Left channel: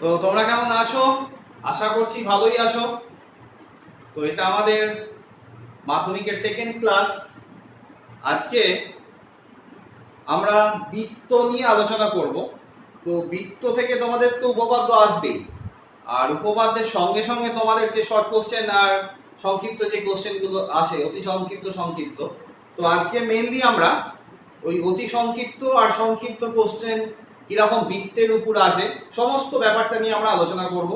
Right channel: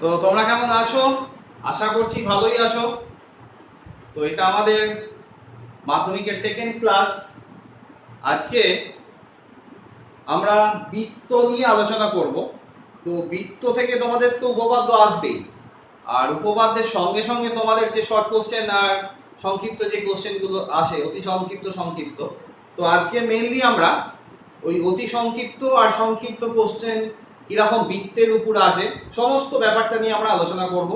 তো তোমরা কেমন আছো? আশা করছি ভালোই আছো। তো এটা আমাদের মাধ্যমিকের সেকেন্ড ক্লাস। আজকে আমরা বৃত্ত নিয়ে আলোচনা করব। তো বৃত্ত থেকে তোমাদের তো উপপাদ্য আসবেই, আর উপপাদ্যের সঙ্গে সঙ্গে তোমাদের যে শর্ট কোশ্চেন আর সংক্ষিপ্ত যে কোশ্চেনগুলো আসে, অতি সংক্ষিপ্ত সংক্ষিপ্ত। তো আজকে মেইনলি আমরা ওই অতি সংক্ষিপ্ত আর সংক্ষিপ্ত কোশ্চেন কিরকম বৃত্তের উপর আসে সমস্ত ব্যাপারটা নিয়ে আমরা আলোচনা করব।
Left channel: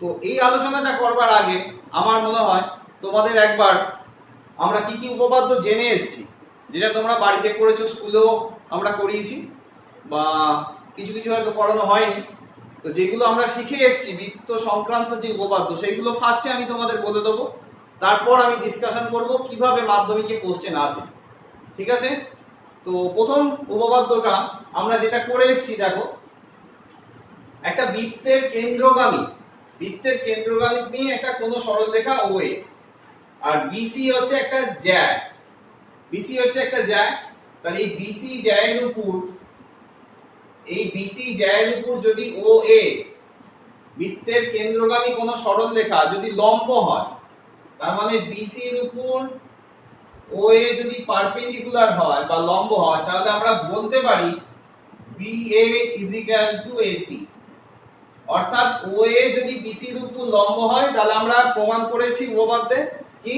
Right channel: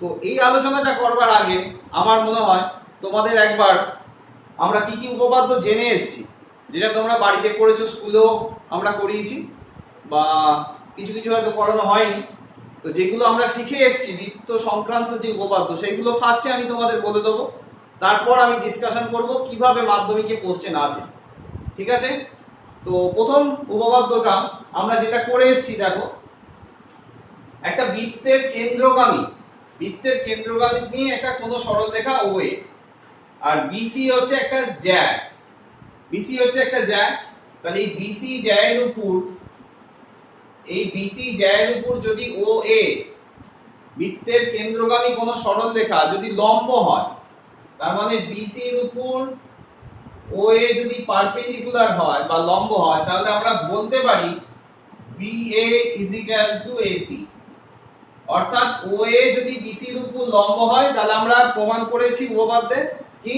তো এই আলোচনাটা করবার আগে আমার মনে হয় তোমাদের একবার আমরা কি কি উপপাদ্য জেনে এসেছি, যেটা তোমরা বাড়িতে করেছো, স্কুলেও আমরা করিয়েছি, বা কিছু কিছু হয়তো পড়ানো হয়নি। তো যেগুলো আমরা শিখে এসেছি বৃত্ত সংক্রান্ত যে উপপাদ্য, সেইগুলো ফার্স্টে আমি তোমাদের বলে দেবো, তারপর আমি ডিসকাশন করব কিভাবে মাধ্যমিকে কোশ্চেন আসে। ঠিক আছে? তো প্রথম উপপাদ্যটা আমরা যেটা করে এসেছি, দেখো, একটা বৃত্তের কেন্দ্রগামী নিয়ে একটা কোনো সরলরেখা OA, আর বিসি হচ্ছে একটা জ্যা, তাহলে এই বিসি জ্যায়ের উপর যদি OA বৃত্তের কেন্দ্রগামী কোনো সরলরেখা যদি লম্ব হয়, তার মানে বিসির উপর OA যদি পারপেন্ডিকুলার হয় বা লম্ব হয়, তাহলে আমরা বলতে পারি BA AC। অর্থাৎ OA যদি BCর উপর লম্ব হয়, তাহলে আমরা প্রমাণ করেছি উপপাদ্যে কি,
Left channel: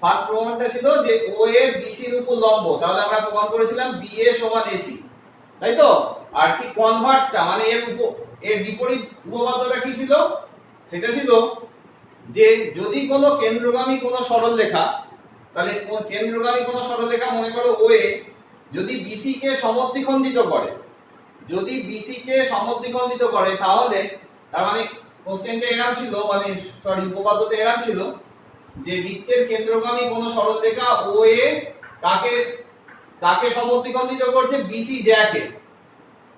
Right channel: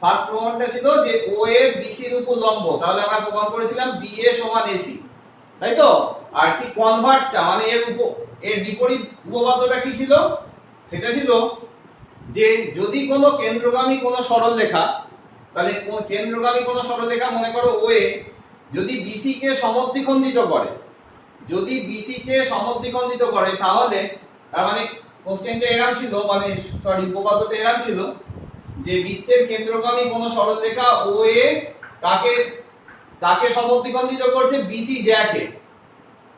ফার্স্ট প্রমাণটা ছিল যে OA BCর উপর লম্ব, তাহলে আমরা প্রমাণ করেছিলাম BA সমান AC, তাই তো? আর কি কনভার্সটা মানে এর বিপরীত উপপাদ্যটা কি ছিল? সেটা ছিল যে যদি কোনো কেন্দ্রগামী কোনো সরলরেখা, তাহলে কেন্দ্রগামী কোনো সরলরেখা মনে করো OA যদি BC কে সমদ্বিখণ্ডিত করে, তাহলে তার মানে কোশ্চেনটা এরকম ছিল, মানে উপপাদ্যটা এরকম ছিল যে বৃত্তের কেন্দ্রগামী কোনো সরলরেখা OA কাকে সমদ্বিখণ্ডিত করছে? BC জ্যাকে।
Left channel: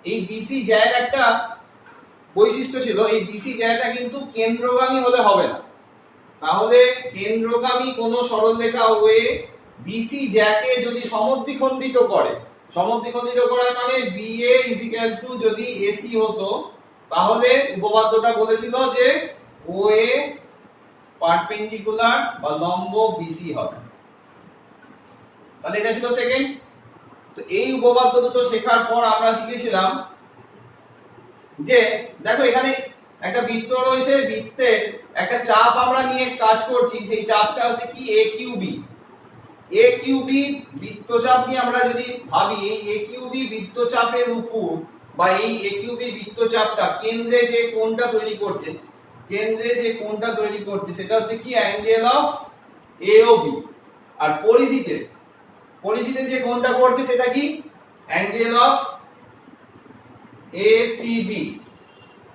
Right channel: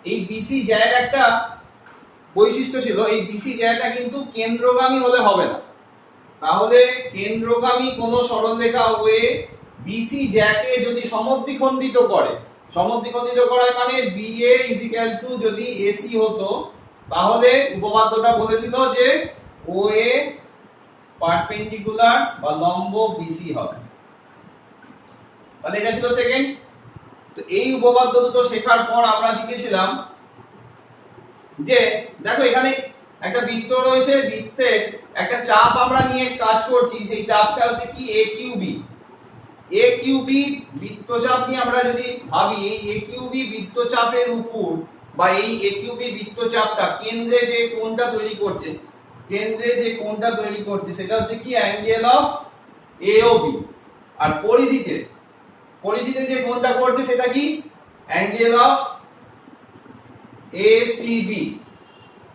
এই BC জ্যায়ের একটা বৈশিষ্ট্য ছিল, এই BC জ্যাটা কিন্তু কেন্দ্রগামী হলে হবে না। তাহলে কেন্দ্রগামী কোনো সরলরেখা OA BC জ্যাকে যদি সমদ্বিখণ্ডিত করে মানে BA যদি AC হতো, তাহলে উপপাদ্যটা বলেছিল যে OA পারপেন্ডিকুলার বা লম্ব BC হবে। তাহলে এটা ছিল সেকেন্ড। তো এই উপপাদ্য দুটো শেখার পর আমরা শিখেছিলাম যে দেখো এখানে একটা বৃত্ত রয়েছে, বৃত্তের একটা চাপ আমরা নিয়ে কাজ করছি, সেই চাপটা হচ্ছে কি AQB বৃত্তচাপ নিয়ে আমরা যদি ভাবি, এই AQB বৃত্তচাপের উপর বা এই AQB বৃত্তচাপটা কেন্দ্রে যে কোণটা তৈরি করছে সেটা হচ্ছে কি অ্যাঙ্গেল অফ AOB, আর পরিধিতে যে কোণটা করছে সেটা কি অ্যাঙ্গেল অফ ACB।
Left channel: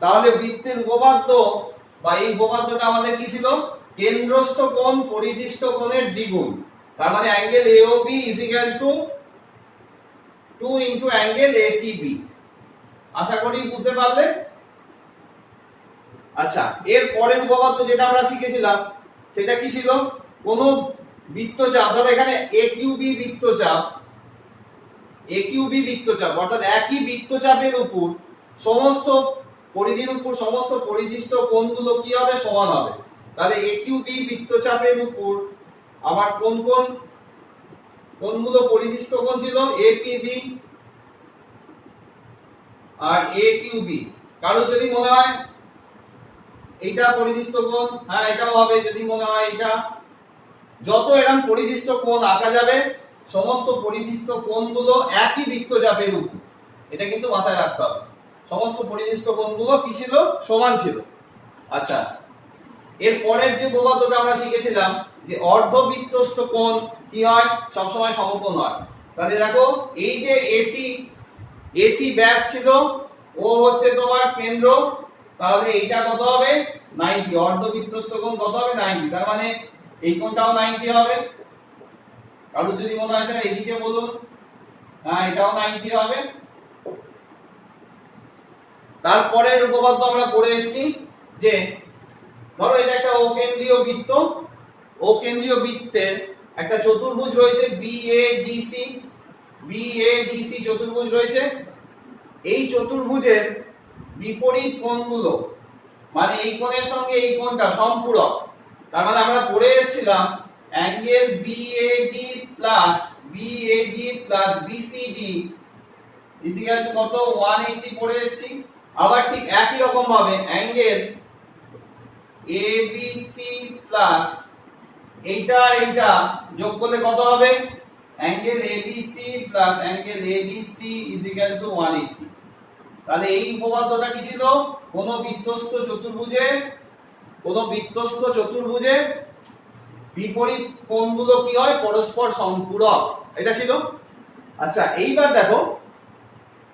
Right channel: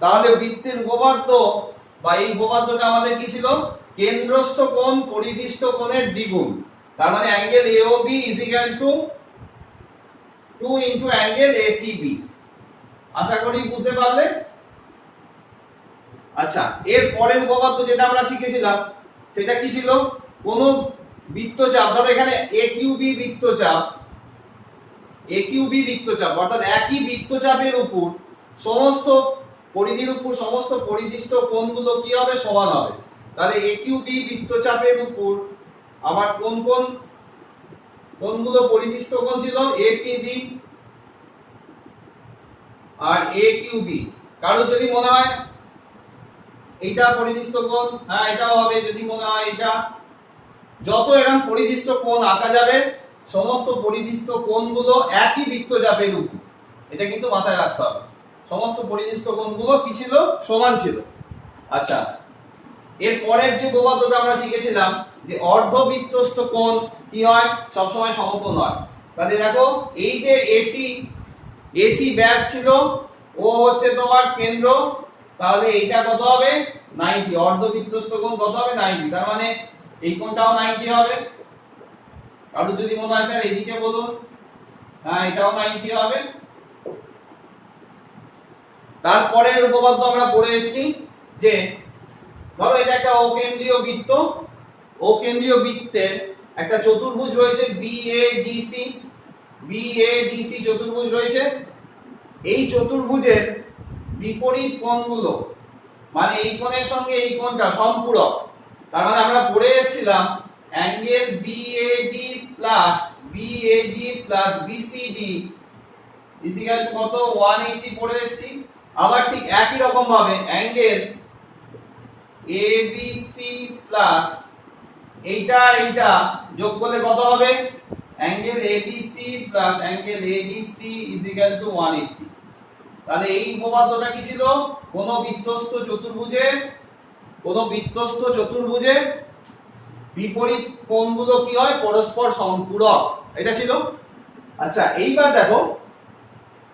তাহলে বৃত্তের উপপাদ্য বা এই উপপাদ্যটা আমাদের কি ছিল? কেন্দ্রস্থ কোণ পরিধিস্থ কোণের দ্বিগুণ, তার মানে অ্যাঙ্গেল AOB = 2 * অ্যাঙ্গেল ACB। আশা করি বুঝতে পারলে। আচ্ছা, এর পরের উপপাদ্য যেটা আমরা শিখেছিলাম সেটা কি ছিল? কোন বৃত্তচাপ, ধরো এখানে AQB বৃত্তচাপ, অর্থাৎ একই বৃত্তচাপের উপর সমস্ত পরিধির উপর সমস্ত পরিধিস্থ কোণগুলো কি হবে? সমান হবে। তাহলে AQB বৃত্তচাপের উপর আমার কোন কোণগুলো পরিধিস্থ কোণ ছিল? APB আর AQB। কারো যদি মনে হয় এইটা পরিধিস্থ কোণ, হ্যাঁ এটাও হবে। যদি মনে হয় এটা, যত এরকম পরিধিস্থ কোণ আঁকা যাবে সমস্ত পরিধিস্থ কোণগুলো একই বৃত্তচাপের উপর, এটা কিন্তু মাথায় রাখতে হবে। সমস্ত পরিধিস্থ কোণগুলো কি ছিল? সমান ছিল। আচ্ছা, এর পরের যে উপপাদ্যটা আমরা শিখেছিলাম যে অর্ধবৃত্তস্থ কোণ কি হয়? সবসময় সমকোণ হয়। তাহলে দেখো এই যে AC ব্যাস ছিল, ও হচ্ছে তোমার কেন্দ্র, তাহলে এইটা কত হবে? 90। অর্ধবৃত্তস্থ কোণ কত হবে? 90। তার মানে এই কোণটাও 90 হবে। কারণ যদি মনে হয় স্যার এইদিকে বলুন, হ্যাঁ এটাও 90 হবে। তারপরের উপপাদ্য আমরা পড়ে এসেছি যে ধরো এটা একটা অকেন্দ্রীয় বৃত্তের একটা চতুর্ভুজ রয়েছে BADC চতুর্ভুজ রয়েছে। এই চতুর্ভুজের বিপরীত কোণগুলো মানে এই কোণের সঙ্গে এই কোণটা সম্পূরক। তার মানে আমরা পড়ে এসেছিলাম angle BAD plus BCD equal to কত 180 পড়ে এসেছি। আবার ঠিক একই রকম ভাবে অ্যাঙ্গেল এবিসি প্লাস এইটা আর এইটা যোগ করলে কত হবে angle ABC plus angle ADC equal to 180। তাহলে এই উপপাদ্যটা কি ছিল? কোন বৃত্তস্থ চতুর্ভুজে বিপরীত কোণগুলো কি হয় পরস্পর সম্পূরক, এটা ছিল। আচ্ছা এইবার দেখো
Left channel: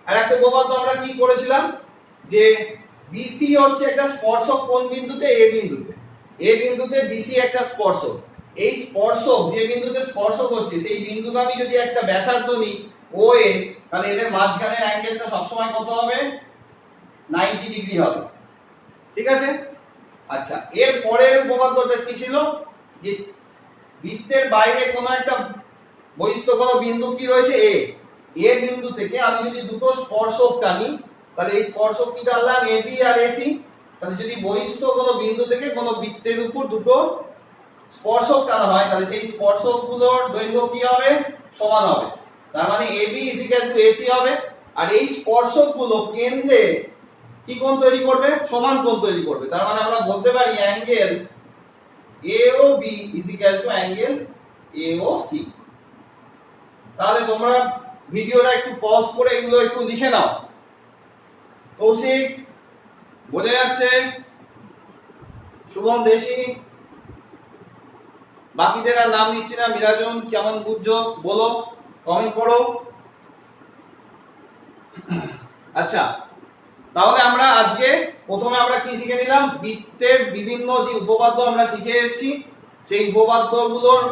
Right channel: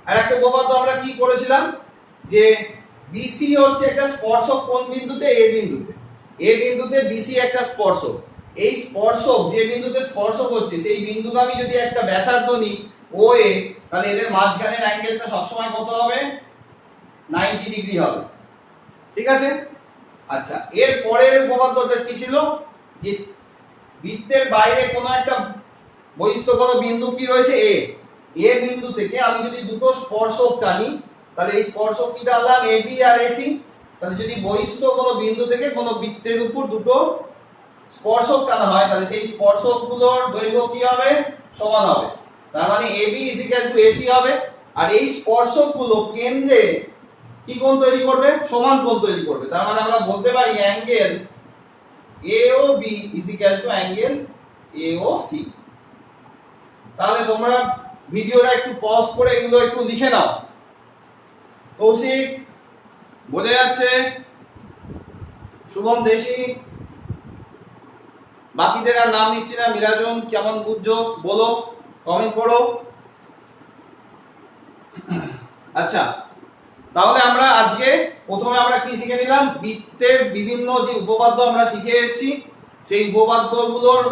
আর একটা উপপাদ্য আমরা কি করেছিলাম যে বিসি হচ্ছে একটা স্পর্শক কোন বিন্দুতে এ বিন্দুতে বিসি একটা স্পর্শক। এই স্পর্শক যে বিন্দুতে স্পর্শক হচ্ছে সেই বিন্দুগামী যদি একটা ব্যাসার্ধ নিই ও এ, তাহলে এদের মাঝখানের অ্যাঙ্গেলটা সবসময় কত হবে 90 ডিগ্রি হবে। ঠিক আছে। আচ্ছা এর পরের উপপাদ্যটা কি ছিল যে বৃত্তের বাইরে কোনো একটা বহিস্থ কোনো বিন্দু কি রয়েছে এ বিন্দু থেকে আমি যদি দুটো স্পর্শক টানি তাহলে এই স্পর্শক কি টানলাম এবি আর এসি। তাহলে যদি বহিস্থ কোনো বিন্দু থেকে কোনো বৃত্তের উপর দুটো স্পর্শক টানা হয় তাহলে সেই স্পর্শকগুলোর দৈর্ঘ্য কি হবে সমান হবে। তার মানে এবি এসি হবে। আর এই স্পর্শকগুলো কেন্দ্রে কি কোণ তৈরি করবে সমান কোণ তৈরি করবে। তার মানে আমরা বলতে পারি অ্যাঙ্গেল এওবি অ্যাঙ্গেল এওসি। তাহলে তোমরা ভিডিওটা একটু পজ করে এগুলো একটু লিখে নাও। কৌশিক বোঝা যাচ্ছে? শুভম দেশি, বাকিদের আর নাম নিচ্ছি না। মিরাজন কেমন বুঝছো বলো, কমেন্ট করো। আচ্ছা তাহলে আমরা আজকে প্রথমে আমরা কি শিখে নিলাম বৃত্তের বিভিন্ন যে উপপাদ্য আমরা শিখে এসেছি সেই উপপাদ্যগুলোর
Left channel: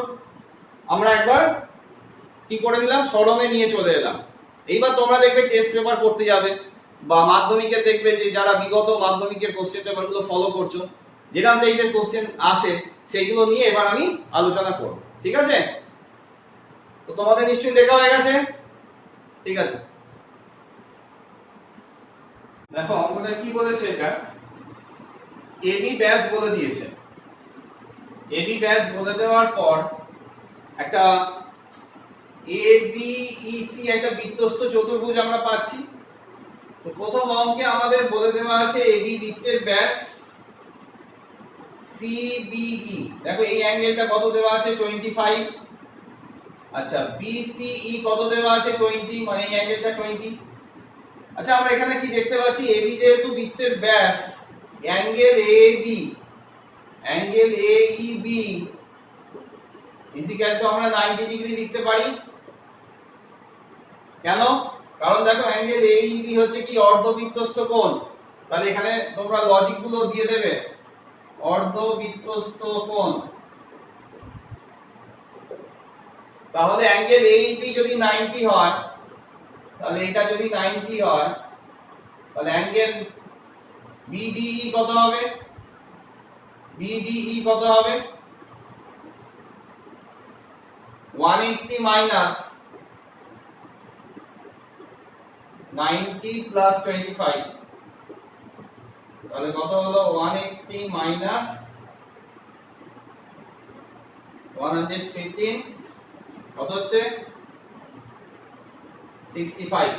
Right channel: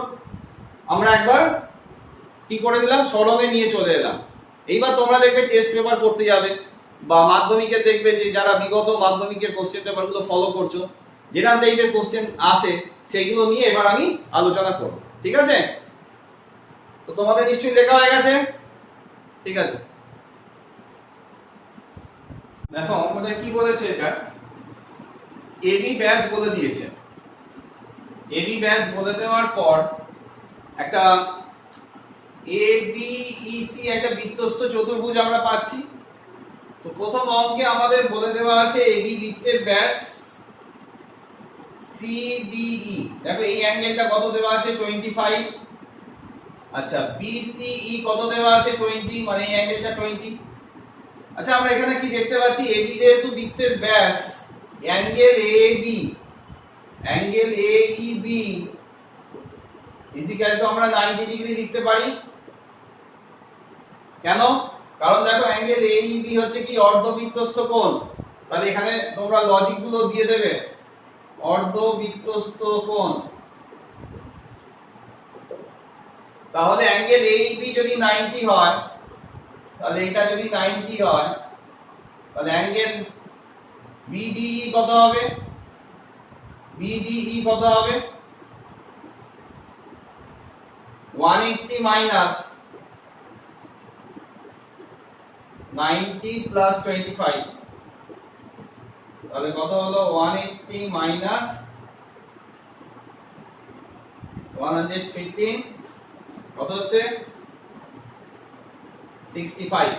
আমরা একবার কি করে নিলাম স্মরণে নিয়ে চলে এলাম। এইবার তোমরা দেখবে টেস্ট পেপার করতে যাবে বা মাধ্যমিকে দেখবে যে যারা বিগত মাধ্যমিকের কোশ্চেন পেপারগুলো ফলো করছো যেরকম টাইপের কোশ্চেন আসে সেইগুলো নিয়ে এবার আমি আলোচনা করব। ঠিক আছে? তো তোমাদের নিশ্চয়ই দেখা হয়ে গেছে। ঠিক আছে, দেখো অঙ্কটা কি বলেছে, এটা এবি ব্যাস বলে দিয়েছে। এবি ব্যাস বলে দেওয়ার পর একটা এবিইসি একটা বৃত্তস্থ চতুর্ভুজ আমরা পাচ্ছি। তো প্রথম অঙ্কে আমাদের বলে দেওয়া আছে এবি বৃত্তের ব্যাস সিবিই। দেখো এই অ্যাঙ্গেলটা কত দেওয়া আছে 25। আচ্ছা বিসিই কত দেওয়া আছে 20, মানে এই অ্যাঙ্গেলটা 20। আচ্ছা আমরা এখানে কি দেখতে পাচ্ছি এবি যেহেতু বৃত্তের ব্যাস angle A B angle A B equal to আমরা 90 ডিগ্রি লিখতে পারি। কেন? কারণ দেখো অ্যাঙ্গেল এইবি হচ্ছে কি অর্ধবৃত্তস্থ কোণ। তাহলে এখানে তোমরা লজিক গুলো দিয়ে দেবে অর্ধবৃত্তস্থ কোণ। তাহলে অ্যাঙ্গেল এইবি যদি 90 হয় তাহলে এটা যদি 90 হয় তাহলে অ্যাঙ্গেল বিডিই কত হবে? বিডিই কত হবে 180 মাইনাস 90 প্লাস 25। তাহলে কত হলো 180 মাইনাস 115 কত হচ্ছে 65।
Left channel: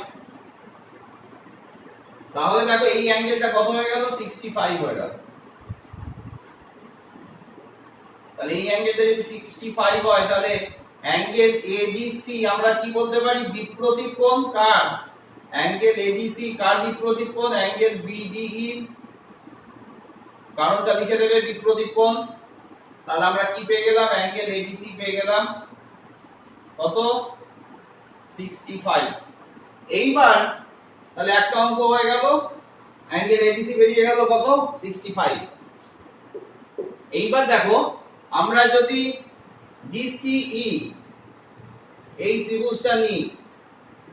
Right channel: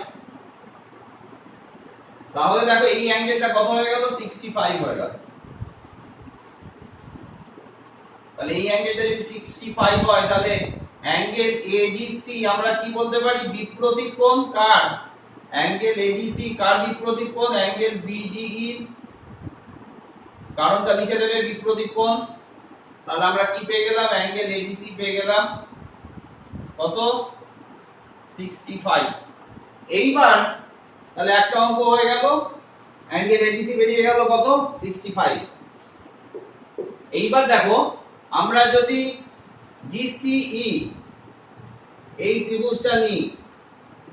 তাহলে দেখো এই অ্যাঙ্গেলটা কত হয়ে গেল 65 হয়ে গেল। তাহলে এই অ্যাঙ্গেলটা যদি 65 হয় তাহলে অ্যাঙ্গেল এডিসি আমরা কি বলতে পারি বিপ্রতীপ কোণ। কার? অ্যাঙ্গেল এডিসি কার বিপ্রতীপ কোণ? অ্যাঙ্গেল বিডিই। কারণটা লিখে দেবে বিপ্রতীপ কোণ। তাহলে আমরা কি পেয়ে গেলাম অ্যাঙ্গেল এডিসি পেয়ে গেলাম কত 65। এইবার তাহলে একটা অঙ্ক হয়ে গেল অ্যাঙ্গেল এডিসি বেরিয়ে গেল কত 65। এইবার দেখো আমরা যদি ডিসিই এই ত্রিভুজটা নিই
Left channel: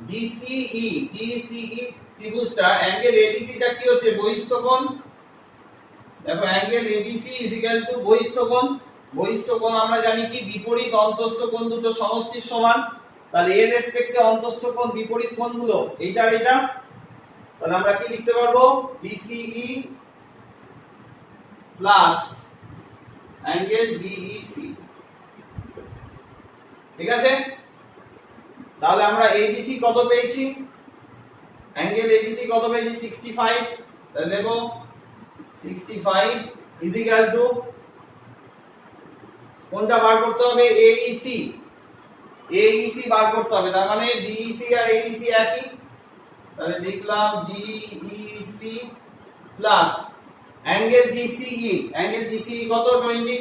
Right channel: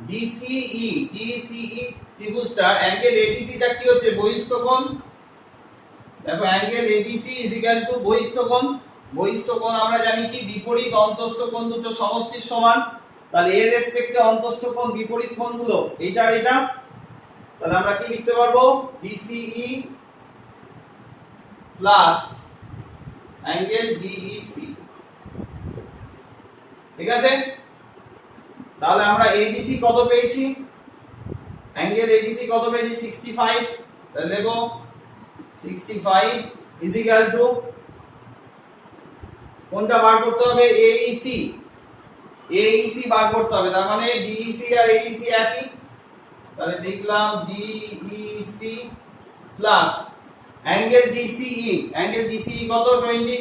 ডিসিই ত্রিভুজটা অ্যাঙ্গেল এডিসিটা কি হচ্ছে বহিস্থ কোণ। দেখো অ্যাঙ্গেল এডিসি ইকুয়াল টু বহিস্থ কোণ। বহিস্থ কোণ আমরা জানি কি বিপরীত অন্তস্থ কোণ দুটো সমষ্টির সমান। তাহলে এর রেসপেক্টে অন্তস্থ কোণ বিপরীত কোণগুলো এইটা আর এটা। তাহলে আমরা কি লিখতে পারবো ডিসিই প্লাস অ্যাঙ্গেল ডিইসি। ঠিক আছে, তাহলে আমরা এডিসি কত পেয়েছি, অ্যাঙ্গেল এডিসি কত পেয়েছি 65। তাহলে দেখো 65 ইজ ইকুয়াল টু কোনটা বার করতে হবে, এইসি। এইসি বার করতে হবে, তার মানে ডিইসি আর এইসি একই। তাহলে দেখলাম Dec plus angle DCE. Angle DCE কত 20।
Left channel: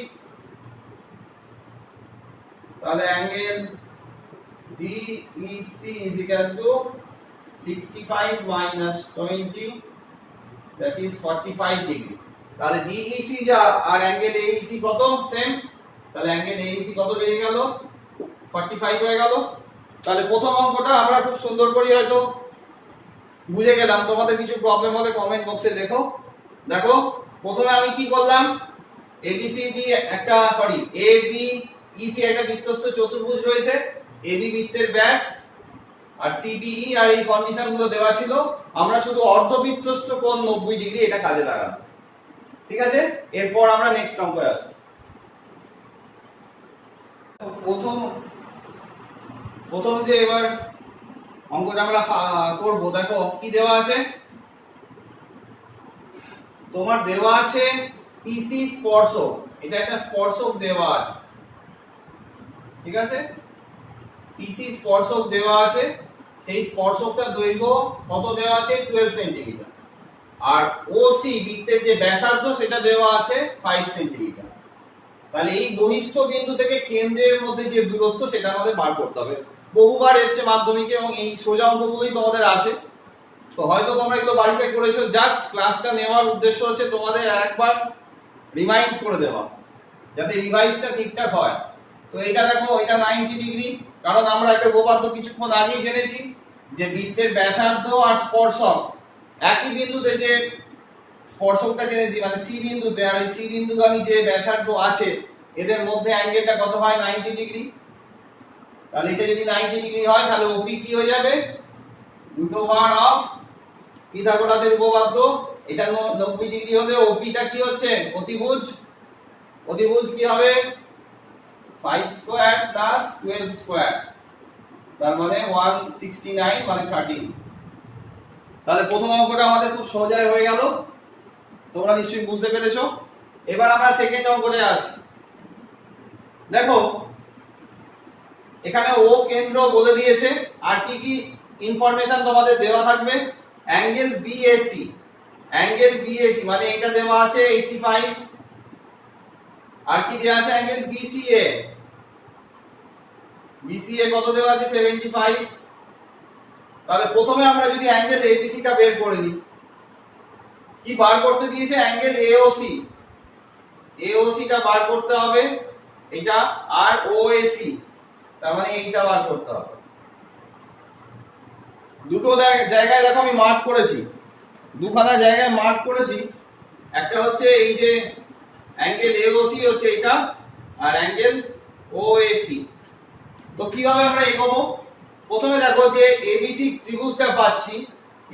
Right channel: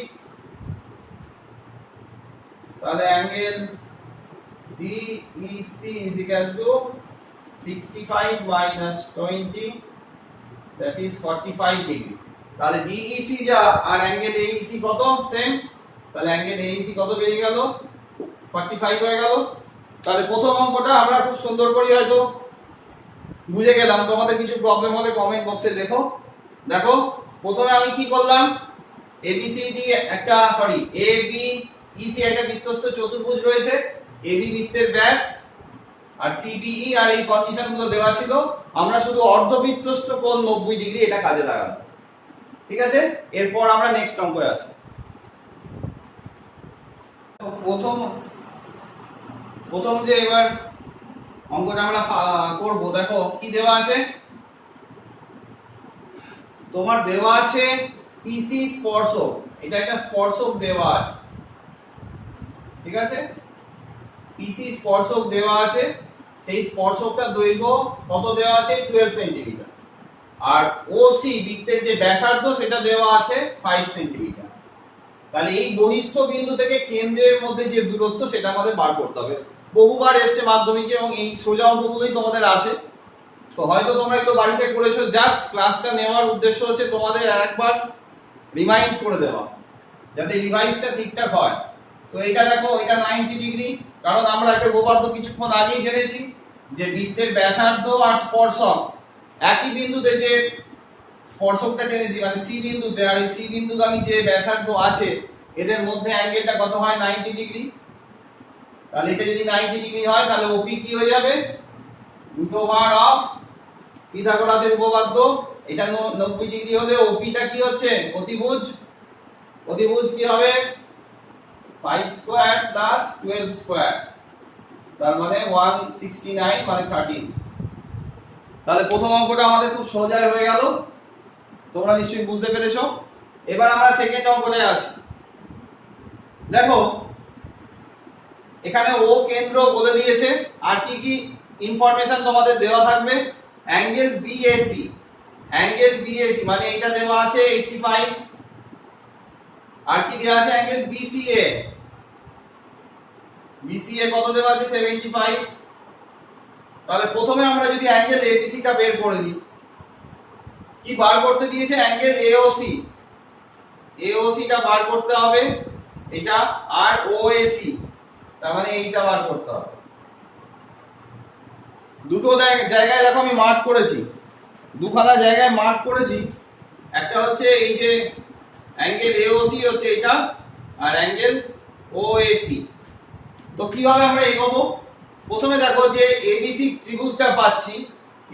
তাহলে angle Dec is equal to 65 minus 20, that is 45 degree. তাহলে ডিইসি যা আর অ্যাঙ্গেল এইসি কত সেম, তাহলে অ্যাঙ্গেল এইসি কত বেরিয়ে গেল 45 হয়ে গেল। তাহলে প্রথম অঙ্কটা আমরা খুব সুন্দর করে হয়তো বুঝে গেলাম। তোমাদের কিছু প্রবলেম হলে কমেন্ট বক্সে লেখো। দেখো প্রথমে আমি কি করলাম, এবিসিডি একটা এবিইসি একটা বৃত্তস্থ চতুর্ভুজ রয়েছে, এবি বৃত্তের ব্যাস আর সিবিই আর এই কন্ডিশনগুলো দেওয়া ছিল। আমরা শুধু অর্ধবৃত্তস্থ কোণ 90 ডিগ্রি এটা কাজে লাগাবো। ঠিক আছে, এরপর আমরা নেক্সট অঙ্কে আসি। প্রথম যে এবার অঙ্কটা আমরা করব, দেখো কি দেওয়া আছে, তোমার দেওয়া আছে পিসি স্পর্শক। এটা একটা স্পর্শক দেওয়া আছে। ঠিক আছে, পিসি স্পর্শক দেওয়া আছে, সেই স্পর্শকটার দৈর্ঘ্য কত দেওয়া আছে 12 সেন্টিমিটার, আর ওসি বৃত্তের যে ব্যাসার্ধ সেটা দেওয়া আছে 5 সেন্টিমিটার। তাহলে এই বহিস্থ বিন্দু থেকে কেন্দ্রের মধ্যে যে দূরত্ব সেটা আমাদের বার করতে হবে। বহুবার এসছে মাধ্যমিকে এবং এই সোজা অঙ্কগুলোই তোমাদের আসে। তো হয়তো তোমরা এগুলো বাড়িতে করেছো, জাস্ট ক্লাসটা নেওয়ার উদ্দেশ্য হচ্ছে তোমাদের আরেকবার রিমাইন্ড করে দেওয়া, যাতে রিভাইজটা ঠিকঠাক হয়। তো এটা দেখো, এটা 90 ডিগ্রি, কারণ আমরা একটা উপপাদ্য কিছুক্ষণ আগেই জেনেছি যে বৃত্তের ব্যাসার্ধ আর স্পর্শক একই বিন্দুতে যে স্পর্শকটা জেনেছি, মানে সি বিন্দুতে, আর এই সি বিন্দুগামী যে ব্যাসার্ধ আছে এদের মধ্যে অ্যাঙ্গেলটা কত হয় 90 ডিগ্রি। তাহলে এটা যদি 90 ডিগ্রি হয় তাহলে ওপি কি হয়ে যাবে, √অফ পিথাগোরাসের উপপাদ্য। এটা 90 ডিগ্রি হলে ওপিটা কি হচ্ছে অতিভুজ। অতিভুজ কি হবে 5 স্কয়ার প্লাস 12 স্কয়ার, তার মানে 169 মানে 13। তাহলে প্রথম অঙ্কটা আমাদের খুব সোজাই হয়ে গেল, তোমরা নিশ্চয়ই বুঝতে পেরেছো। এবার আমরা সেকেন্ড অঙ্কতে আসি। দেখো এখানে ও কেন্দ্র বলে দিয়েছে, আর কি কি ইনফরমেশন তোমাদের দেওয়া থাকবে, অ্যাঙ্গেল বিএসি। অ্যাঙ্গেল বিএসি মানে এটা দেওয়া আছে 85, আর কি দেওয়া আছে অ্যাঙ্গেল বিসিএ। বিসিএ কত দেওয়া আছে 75। তাহলে প্রথমে আমরা যদি অ্যাঙ্গেল এবিসি টা বের করে নিই, কি বার করতে দিয়েছে অ্যাঙ্গেল এওসি। এওসি টা বার করতে হবে এটা, আর ওএসি তার মানে এইটা বার করতে হবে। দুটো জায়গায় দেখো আমি মার্ক করেছি, দুখানা জায়গায় মার্ক করেছি। একটা হচ্ছে এই যে অ্যাঙ্গেল এওসি হচ্ছে এটা, আর অ্যাঙ্গেল ওএসি। তো কিভাবে আমরা এগোবো, প্রথমে দেখো যে এবিসি ত্রিভুজটা পাচ্ছি,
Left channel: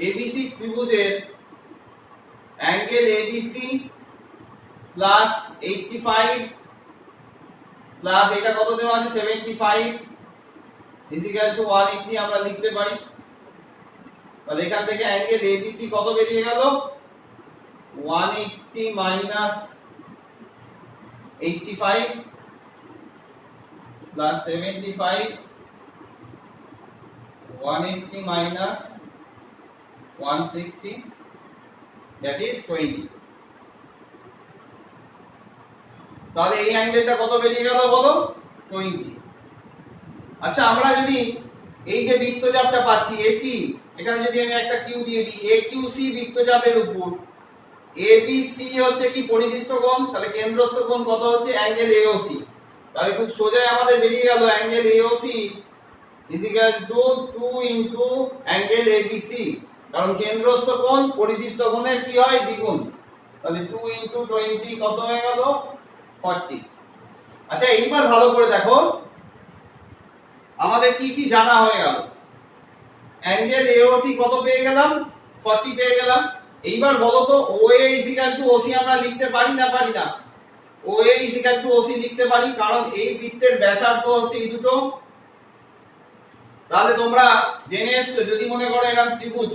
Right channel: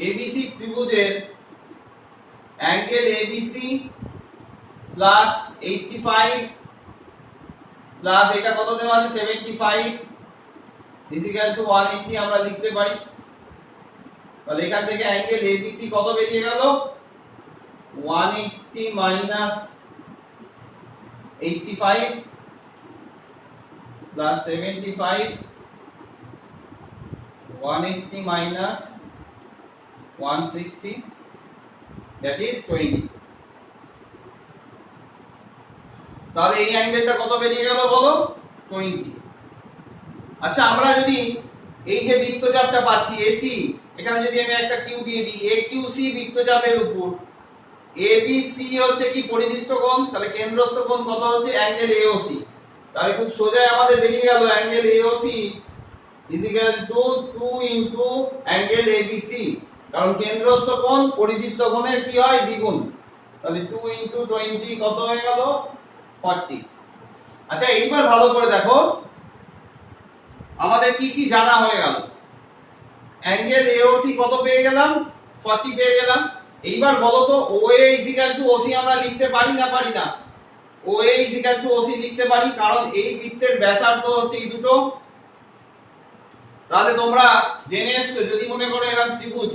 এবিসি ত্রিভুজের অ্যাঙ্গেল এবিসি প্লাস 85 প্লাস এটা কত দেওয়া আছে 75 ইজ ইকুয়াল টু 180 আমরা লিখতে পারি। তাহলে এখান থেকে অ্যাঙ্গেল এবিসি কত বেরিয়ে গেল 180 minus 85 plus 75, 180 minus 160, that is 20। তাহলে এই অ্যাঙ্গেলটা কত বেরিয়ে গেল বলো 20। আচ্ছা আমরা যদি এই যে বৃত্তচাপটা পাচ্ছি এসি, এখানে যদি আমি একটা কিউ দিয়ে দিই, একিউসি বৃত্তচাপের উপর এবিসি হচ্ছে কি পরিধিস্থ কোণ, তাহলে কেন্দ্রস্থ কোণ কত হচ্ছে অ্যাঙ্গেল এওসি। তাহলে খুব সোজাই আমাদের বেরিয়ে গেল angle AOC is equal to 2 into angle ABC, কারণ কেন্দ্রস্থ কোণ পরিধিস্থ কোণের কি হয় দ্বিগুণ। তাহলে 2 into 20 কত হয়ে গেল 40। আচ্ছা এইবার ভালো করে দেখো আমাদের কি কি জানা হয়ে গেল। অ্যাঙ্গেল এওসি কত পেয়ে গেলাম 40 পেয়ে গেলাম, এইবার বলো তো OA ইজিক্যাল টু OC আমরা লিখতে পারি না পারি না? OA ইজিক্যাল টু OC লিখতে পারি, কারণ এই বৃত্তের ব্যাসার্ধ হচ্ছে এই দুটো। তাহলে তোমরা জেনে এসছো, যদি মনে করো এরকম ত্রিভুজ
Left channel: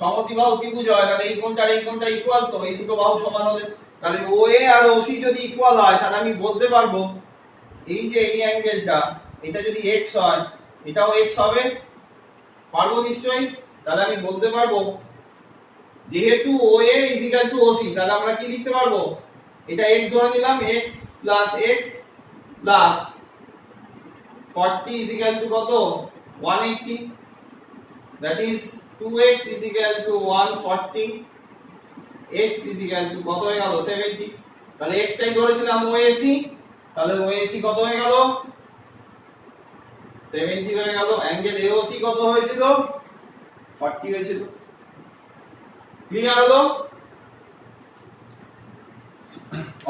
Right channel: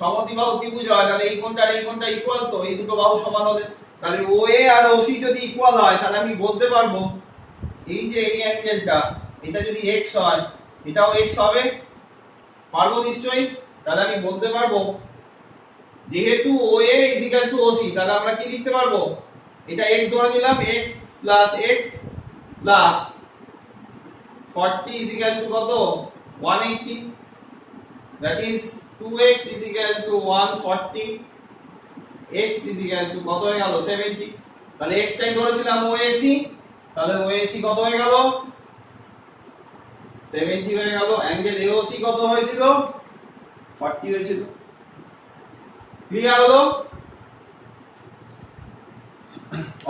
সমদ্বিবাহু ত্রিভুজ হয়, তাহলে এই কোণটা আর এই কোণটা ইকুয়াল, তো এই দুটো বাহু সমান হলে তাহলে OA আর OC যদি ইকুয়াল হয়, তাহলে আমি বলতে পারবো এই যে এই অ্যাঙ্গেলটা, এটা যদি x হয়, এটাও x হবে, পারবো নিশ্চয়ই। তাহলে আমি বলতে পারবো যেহেতু OA ইজিক্যাল টু OC, তাহলে আমরা কি লিখতে পারবো, এটা x ধরে নিলাম, x plus x plus 40 equal to কত, 180, that is 2x is equal to 140, x is equal to কত হয়ে গেল 70। তাহলে x টাই ধরেছিলাম OAC, তাহলে OAC কত হয়ে গেল 70 হয়ে গেল। অ্যাঙ্গেল AOC কত হয়েছিল 40 হয়েছিল। ক্লিয়ার হলো?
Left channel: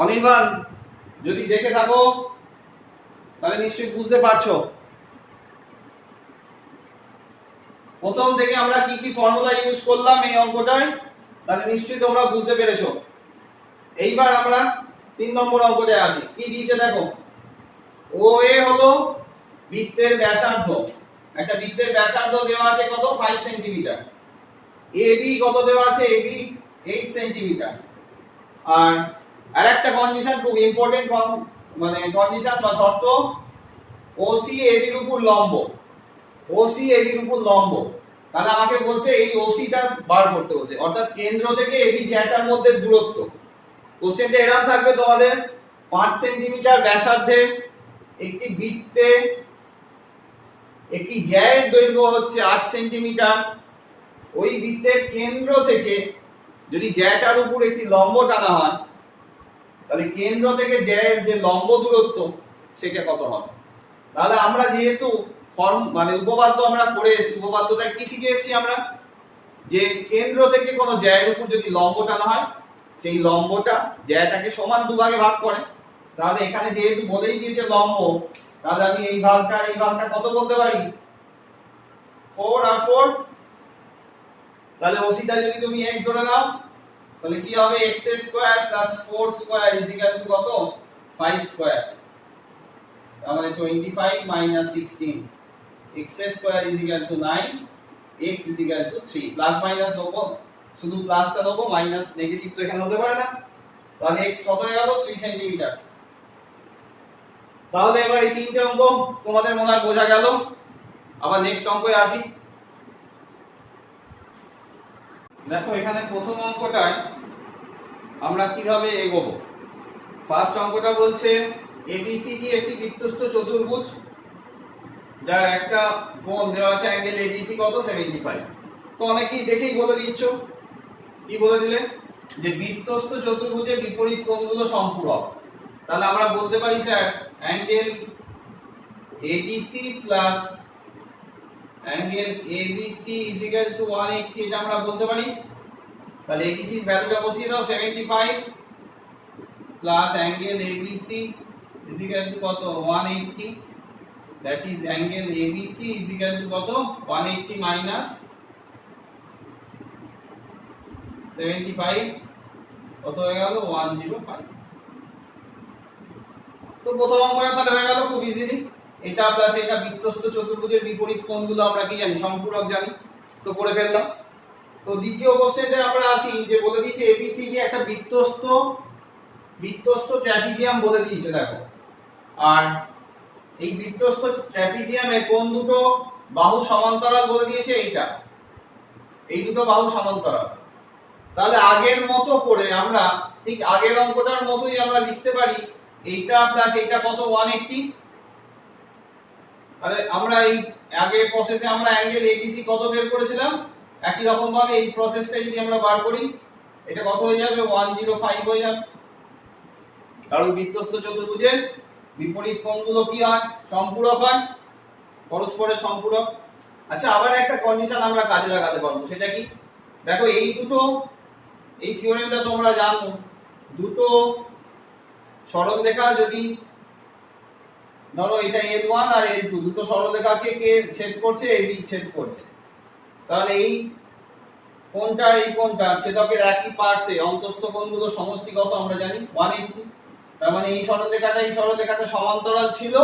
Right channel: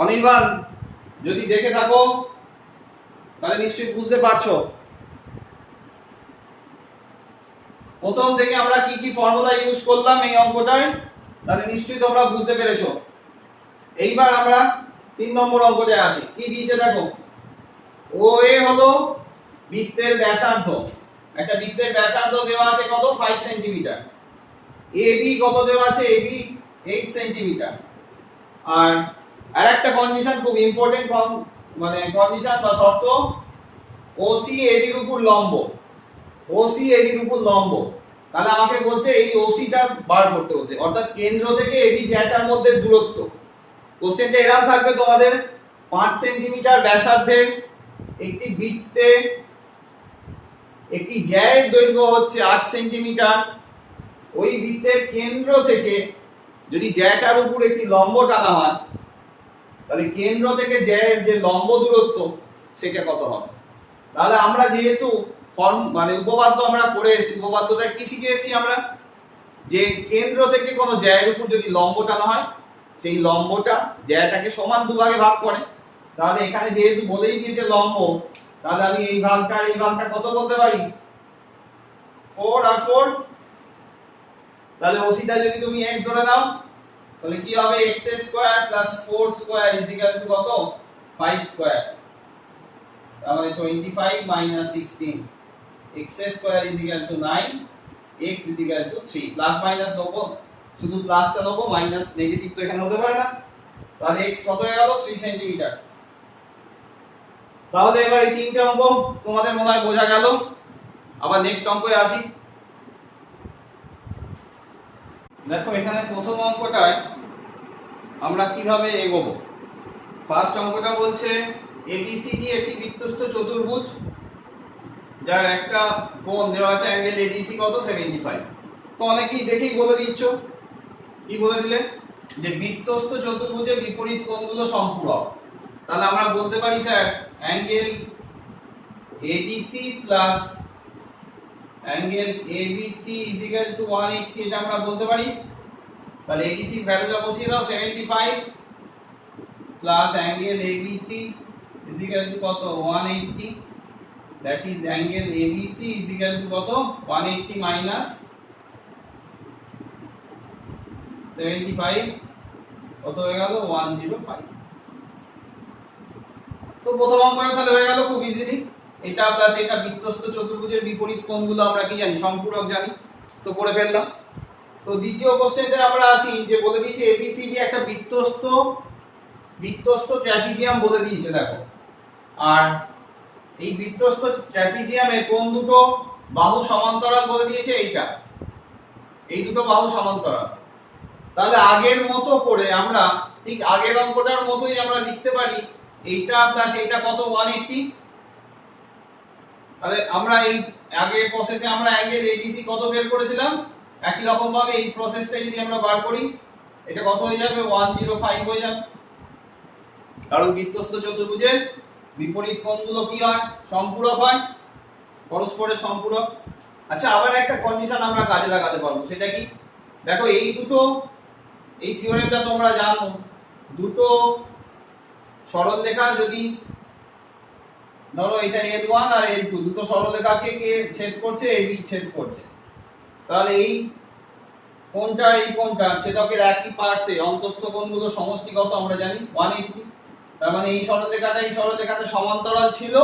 অনির্বাণ যদি দেখে থাকো তাহলে নিশ্চয়ই বুঝতে পারছো প্রথম থেকে আমরা কি কি ফর্মুলা ইউজ করলাম এই অঙ্কটায়, তাহলে নিশ্চয়ই তোমরা বুঝতে পেরেছো। এইবার আমরা 3 নম্বর অঙ্কটায় আসি। কি দিয়েছে দেখো, OA হলো বৃত্তের ব্যাসার্ধ, একটা বৃত্তের ব্যাসার্ধ দেওয়া আছে কত 5 সেন্টিমিটার। AB কত দেওয়া আছে, AB 8 সেন্টিমিটার। আর আরেকটা কন্ডিশন খুব ইম্পর্টেন্ট, মানে কন্ডিশন বা শর্ত, OC AB এর উপর লম্ব, OC AB এর উপর লম্ব। তাহলে আমাকে বলছে এই OC টা বার করতে বলছে, অর্থাৎ কেন্দ্র থেকে AB জ্যাটার মধ্যে দূরত্ব। কোশ্চেনটা এরকম থাকবে তোমাদের, 5 সেন্টিমিটার ব্যাসার্ধের একটি বৃত্তে একটি জ্যায়ের দৈর্ঘ্য হচ্ছে 8 সেন্টিমিটার। ওই বৃত্তের কেন্দ্র থেকে যদি জ্যাটার উপর একটি লম্ব টানা হয়, তাহলে কেন্দ্র থেকে জ্যায়ের যে লম্ব দূরত্ব সেটা কত হবে। তাহলে আমরা যেহেতু মানে উপপাদ্য আমরা পড়ে এসেছি, উপপাদ্যটা কি শিখে এসেছি আমরা, যে কেন্দ্র থেকে কোনো জ্যায়ের উপর যদি লম্ব টানা হয়, সেই লম্বটা জ্যাটাকে সমান দুভাগে ভাগ করে। তাহলে এখানে যেহেতু বলেই দিয়েছে লম্ব, তাহলে আমি এই ভাগটা আর এই ভাগটা কত বলতে পারি, 4 আর 4। তাহলে OC টা যদি তুমি x ধরে নাও, তাহলে কি হবে, x square plus 4 square is equal to কত 5 স্কয়ার। তার মানে 25 minus 16, x square is equal to 9, x is equal to 3। Plus minus নেব, শুধু প্লাসটা নেব, মাইনাস নেগেটিভ তো এখানে হতে পারে না। তাহলে x কত হয়ে গেল 3 সেন্টিমিটার। তাহলে এবার এই তিনটে অঙ্ক তোমাদের মনে হয় বোঝা গেল। আবার নেক্সট অঙ্কে আসি। দেখো এখানে প্রথম অঙ্কটায় আমরা কিভাবে এগোবো। ফার্স্ট অঙ্কটা বলছে ABCD একটি বৃত্তস্থ চতুর্ভুজ, যার একটা কোণ দেওয়া আছে অ্যাঙ্গেল ADC কত 75। তো অনেকেই দেখেই বলে দিচ্ছ, কি বলে দিলে, যে বৃত্তস্থ চতুর্ভুজের বিপরীত কোণগুলো সম্পূরক। তাহলে আমরা বলতে পারি sir angle ADC plus angle ABC is equal to 180, এটা আমরা বলতে পারি। তাহলে ADC এর ভ্যালুটা বসিয়ে দাও 75 plus angle ABC is equal to কত 180, that is angle ABC is equal to কত 180 মাইনাস 75 কত হয়ে গেল 105। তো প্রথম অঙ্কটা তাহলে হয়ে গেল খুব ইজিলি, এটা প্লাস এটা বৃত্তস্থ চতুর্ভুজের বিপরীত কোণগুলো আমরা কি জানি, সম্পূরক জানি, তো করে ফেললাম। তো দ্বিতীয় কোশ্চেনে আমরা আসি, যে বলে দিয়েছে ABCD একটা বৃত্তস্থ ট্র্যাপিজিয়াম বলে দিয়েছে দেখো। আর এই বৃত্তস্থ ট্র্যাপিজিয়ামে কোন দুটো বাহু সমান্তরাল বলে দিয়েছে, এইটা, এই দুটো বাহু সমান্তরাল। তাহলে আগের মতো করে আমরা ঠিক আগের অঙ্কটার মতোই আমরা লিখতে পারি এইটা প্লাস এইটা কত 180। তাহলে আমরা এই আগের প্রসেসে আমরা অ্যাঙ্গেল ADC কত বের করেছিলাম, একই রকম ভাবে এই প্রসেসটা যদি আমরা বার করি, এটা কত হয়ে যাবে 105 হয়ে যাবে। কারণ বৃত্তস্থ চতুর্ভুজের বিপরীত কোণগুলো কি হয়, সম্পূরক হয়, পরস্পরের সম্পূরক। আচ্ছা, আবার একটা কন্ডিশন আমরা কাজে লাগাতে পারবো, সেটা কি, দেখো এই দুটো, এই থিওরেমটা তোমরা জানো, দুটো সরলরেখা যদি ধরো এটা L1 আর L2, দুটো সরলরেখাকে কে ছেদ করছে, AB ছেদ করছে, তাহলে এই কোণটার এই কোণটা ছেদকের একই পার্শ্বে অন্তস্থ কোণগুলো সমষ্টি কত আমরা জানি 180। তার মানে এই সরলরেখাটা সমান্তরাল ছিল,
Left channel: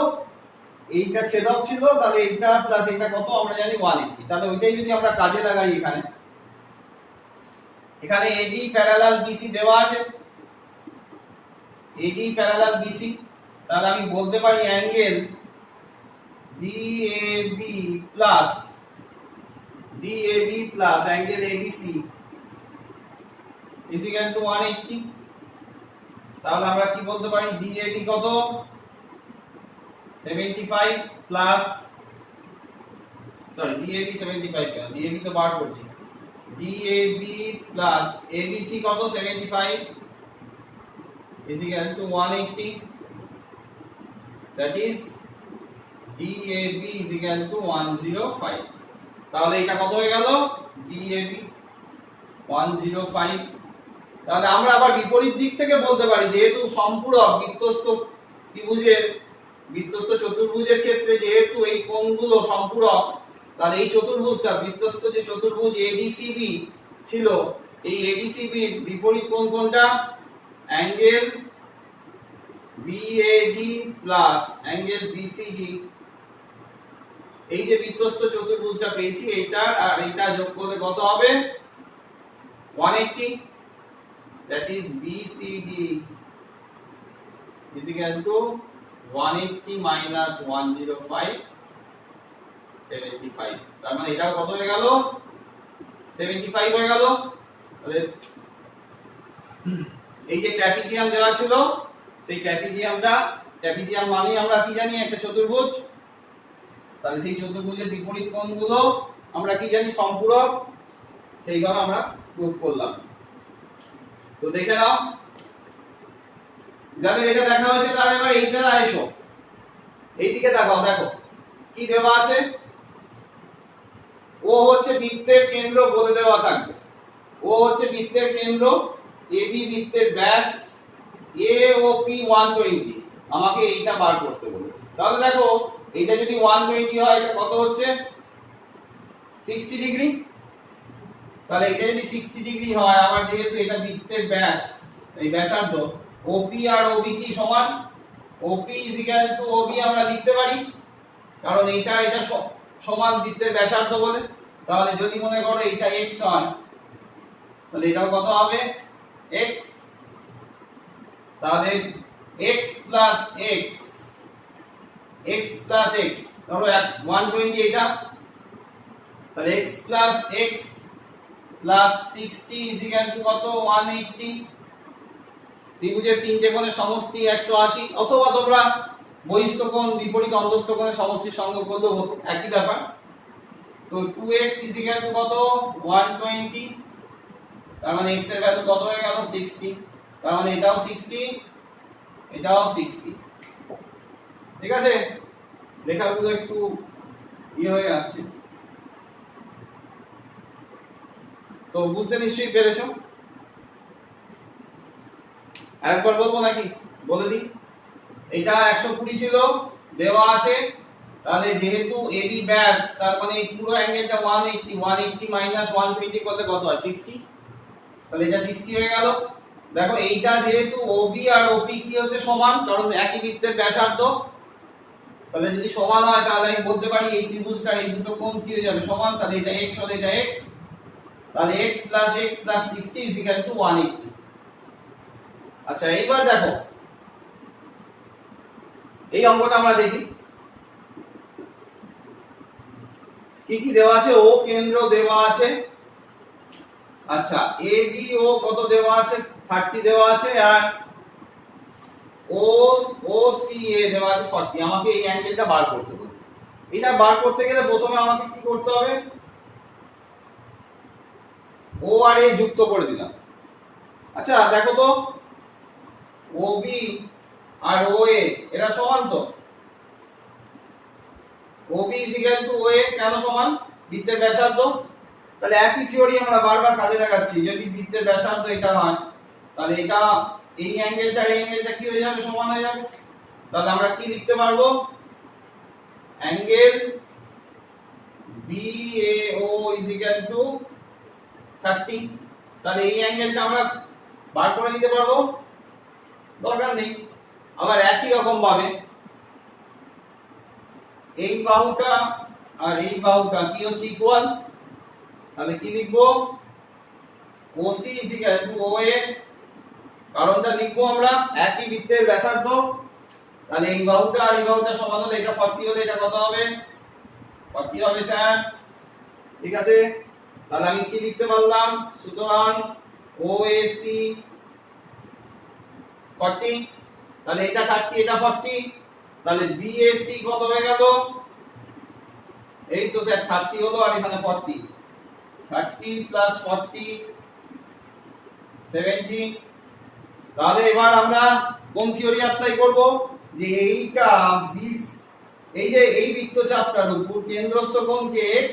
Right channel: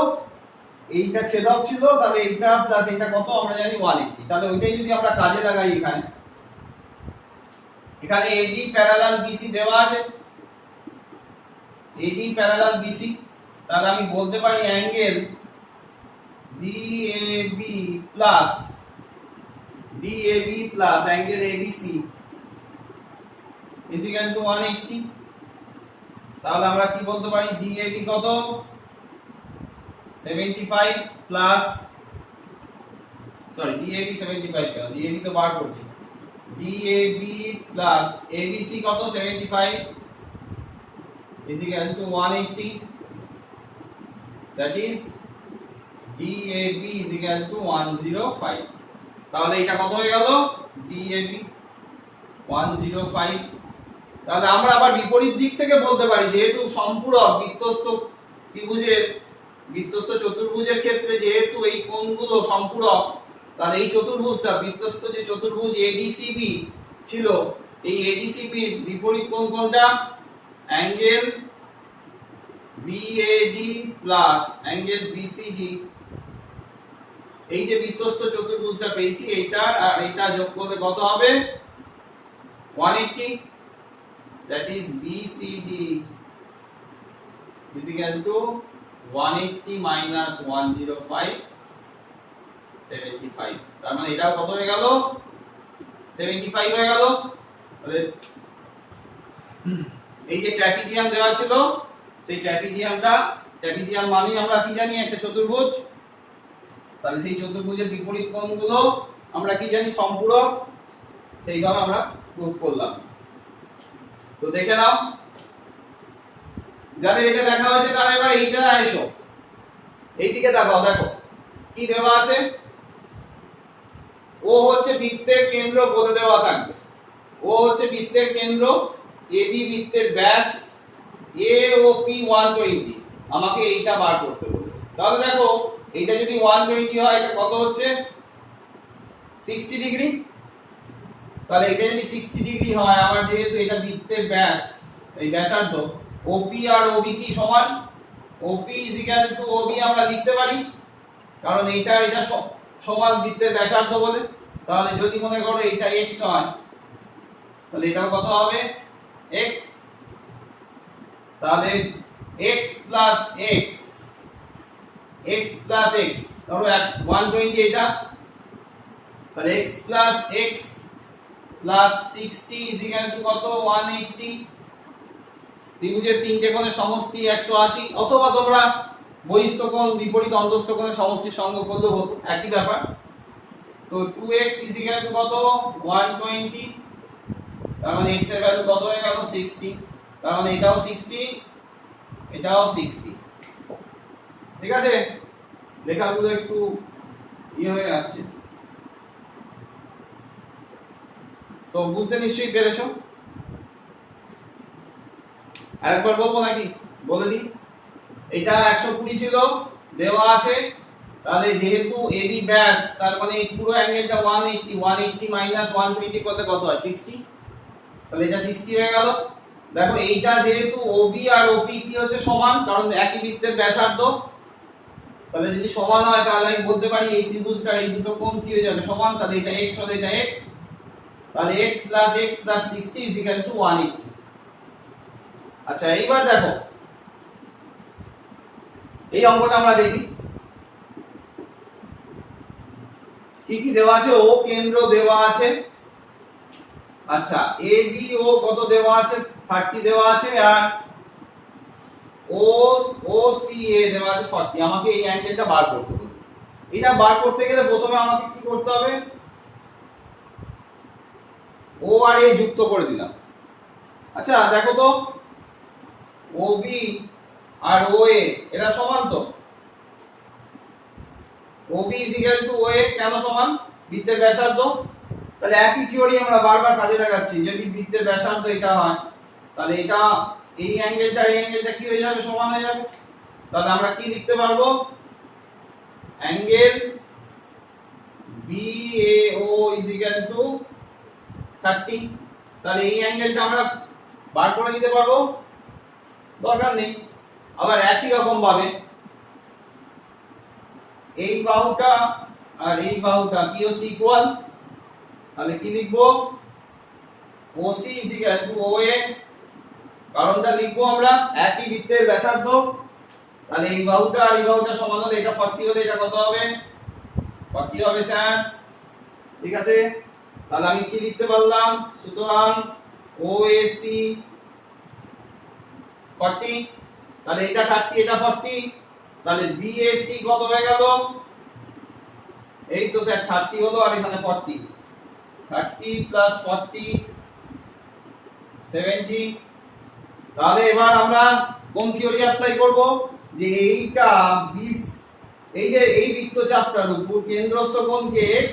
এইটা ছেদক ছিল, তাহলে এইটা প্লাস এটা কত আমরা জানি 180। তাহলে ওইটাই যদি আমরা কাজে লাগাই, এখানে AD প্যারালাল BC দেওয়া আছে, AD প্যারালাল BC, তাহলে আমি বলতে পারি angle DAB plus angle ABC is equal to 180। তাহলে আমরা কি বলতে পারি, DAB কত 75 প্লাস DAB 75 কেন, DAB তো বার করছি, DAB প্লাস ABC কত 75 is equal to 180, that is DAB is equal to 105। তাহলে এটা কত হয়ে গেল, DAB 105। তাহলে আমরা আবার বিপরীত দিক থেকে বলতে পারি, যেহেতু সম্পূরক বৃত্তস্থ চতুর্ভুজের ক্ষেত্রে যেহেতু এই কোণগুলো সম্পূরক, তাহলে এই চতুর্ভুজটা বৃত্তস্থ যে চতুর্ভুজ ADCB ছিল, এই ADCB এর বিপরীত কোণ কোনটা, angle BAD plus angle BCD। এই যে বৃত্তস্থ চতুর্ভুজটা পেয়েছি, এইটার আর এইটা যোগ করলে কত হবে 180, that is BCD is equal to 180 minus 105 75। তার মানে এটাও কত হয়ে গেল 75 হয়ে গেল। তাহলে এই যে ট্র্যাপিজিয়াম দেওয়া ছিল, সেই ট্র্যাপিজিয়াম মানে আমরা কি জানি, একটা চতুর্ভুজ, তাহলে সেই চতুর্ভুজের বিপরীত কোণগুলো আমরা কি জানি সম্পূরক, সেইভাবে আমরা প্রুফ করলাম। তো দেখে নাও, যাদের এটা দেখা হয়েছে তারা এবার এইটা এসো, এইদিকে তাকাও, দেখো কি দেওয়া আছে, ও হচ্ছে বৃত্তের কেন্দ্র বলে দেওয়া থাকবে, ও হচ্ছে বৃত্তের কেন্দ্র, AB বৃত্তের ব্যাস, AOP 120, আমাকে এইটা বার করতে বলেছে। তাহলে দেখো এইটা যদি 120 হয়, এটা কত হচ্ছে 60 ডিগ্রি। তাহলে এটা যদি 60 ডিগ্রি হয়, আবার যেহেতু এটা বৃত্তের ব্যাস, এই ব্যাসার্ধ, OP আর OB কি সমান, OP is equal to OB আমরা লিখতে পারি, কারণ এটা সমান বৃত্তের ব্যাসার্ধ বলে। তাহলে যদি মনে করো এটা x হয়, তাহলে এটাও কত হবে x, তাহলে x plus x ধরো 120 এটা, তাহলে x plus x plus 60 is equal to কত 180। ত্রিভুজের তিনটে কোণের সমষ্টি 180, অথবা তোমরা বহিস্থ কোণ বিপরীত অন্তস্থ কোণের সমষ্টির সঙ্গে করলেও হতো, একই ব্যাপার। তো 2x is equal to কত 120, তার মানে x এর ভ্যালু কত হয়ে গেল 60, তার মানে এটাও 60, এটাও 60। ঠিক আছে, লেখাগুলো একটু হয়ে যাচ্ছে, তো বুঝতে নিশ্চয়ই পেরেছো। আরেকবার বলবো নাকি, বলে দিই, এটা 120 ছিল দেওয়া আছে, তাহলে যেহেতু AB ব্যাস, তার মানে এই পুরো অ্যাঙ্গেলটা 180 মাইনাস 120 করলে কত হয় 60, তাহলে এটা 60 হয়ে গেল। দেখো এইটা যেহেতু OB আর OP কি হচ্ছে সমান, কারণ একই বৃত্তের ব্যাসার্ধ, তাহলে যদি সমান হয় তাহলে আমি বলতে পারি এই ত্রিভুজটার এই দুটো কোণ কি হয়ে যাবে সমান, তাহলে এটা x হলে এটা x, তাহলে x plus 60 is equal to 180। আচ্ছা এইবার দেখো এই অঙ্কটা আমরা দেখি কি কি দেওয়া আছে, ও কেন্দ্র দেওয়া আছে, আচ্ছা ABO কত দেওয়া আছে 30 দেওয়া আছে, আর OCA দেওয়া আছে 40। আমাকে এই অ্যাঙ্গেলটা বার করতে হবে। এটা বার করতে গেলে প্রথমে আমাকে কি করতে হবে, O আর A যুক্ত করে দিলাম। আচ্ছা দেখো তো OB আর OA এরা সমান তো, OB is equal to OA কেন সমান, বৃত্তের ব্যাসার্ধ। তাহলে একই থিওরি আমরা বারবার কাজে লাগাচ্ছি, যদি বৃত্তের ব্যাসার্ধ এটা হয়, তাহলে এটা এই অ্যাঙ্গেলটা কি হয়ে যাবে সমান হয়ে যাবে। তাহলে আমরা কি লিখতে পারবো, angle BAO is equal to 30। তাহলে এই অ্যাঙ্গেলটা আমরা বার করে নিতে পারবো, দরকার নেই। আবার একই রকম ভাবে এই বাহুটা আর এই বাহুটা কি হচ্ছে ইকুয়াল, তাহলে কি লিখবো OC OA, কারণটা লিখবো আমরা একই বৃত্তের ব্যাসার্ধ। তাহলে এই বাহুটা আর এই বাহুটা সমান হলে এটা 40 হলে এটা কত হবে 40 হবে স্যার, ঠিক আছে। তাহলে আমি কি লিখতে পারলাম, সুতরাং OAC 40, তাহলে এটা 30 এটা 40, তাহলে BAC কত হয়ে গেল, এই তো স্যার 30 হলো আর এখানে 40, 30 প্লাস 40 70। তাহলে এবার আমরা কোন থিওরি অ্যাপ্লাই করব, যে এইটা এই যে এই বৃত্তচাপটার উপর কেন্দ্রস্থ কোণ কে x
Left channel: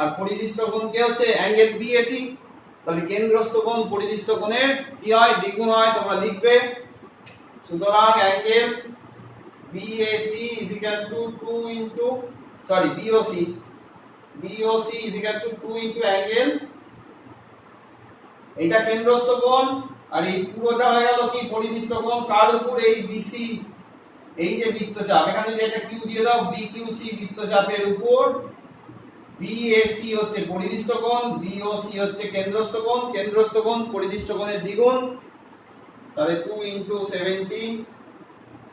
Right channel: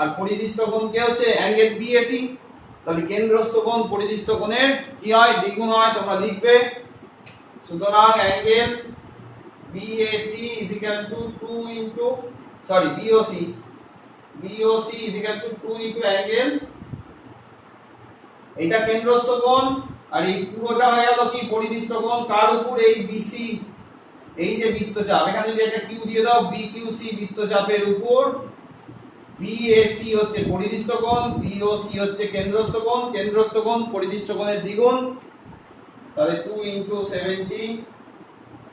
আর পরিদিষ্ট কোণ কে হচ্ছে অ্যাঙ্গেল BAC। তাহলে কেন্দ্রস্থ কোণ পরিদিষ্ট কোণের কি হয় দ্বিগুণ হয়, তোমরা লিখবে। সুতরাং angle BAC is equal to 2 into BOC is equal to 2 into angle, এটা কেন্দ্রস্থ কোণ আর এই পুরোটা হয়ে গেল কি পরিদিষ্ট কোণ, কার উপর এই BC, এই যে বৃত্তচাপ এখানে যদি একটা কিউ দিয়ে দাও BQC বৃত্তচাপের উপর, BAC হচ্ছে পরিদিষ্ট কোণ, BOC হচ্ছে কেন্দ্রস্থ কোণ, কেন্দ্রস্থ কোণ পরিদিষ্ট কোণের দ্বিগুণ, তাহলে 2 into 70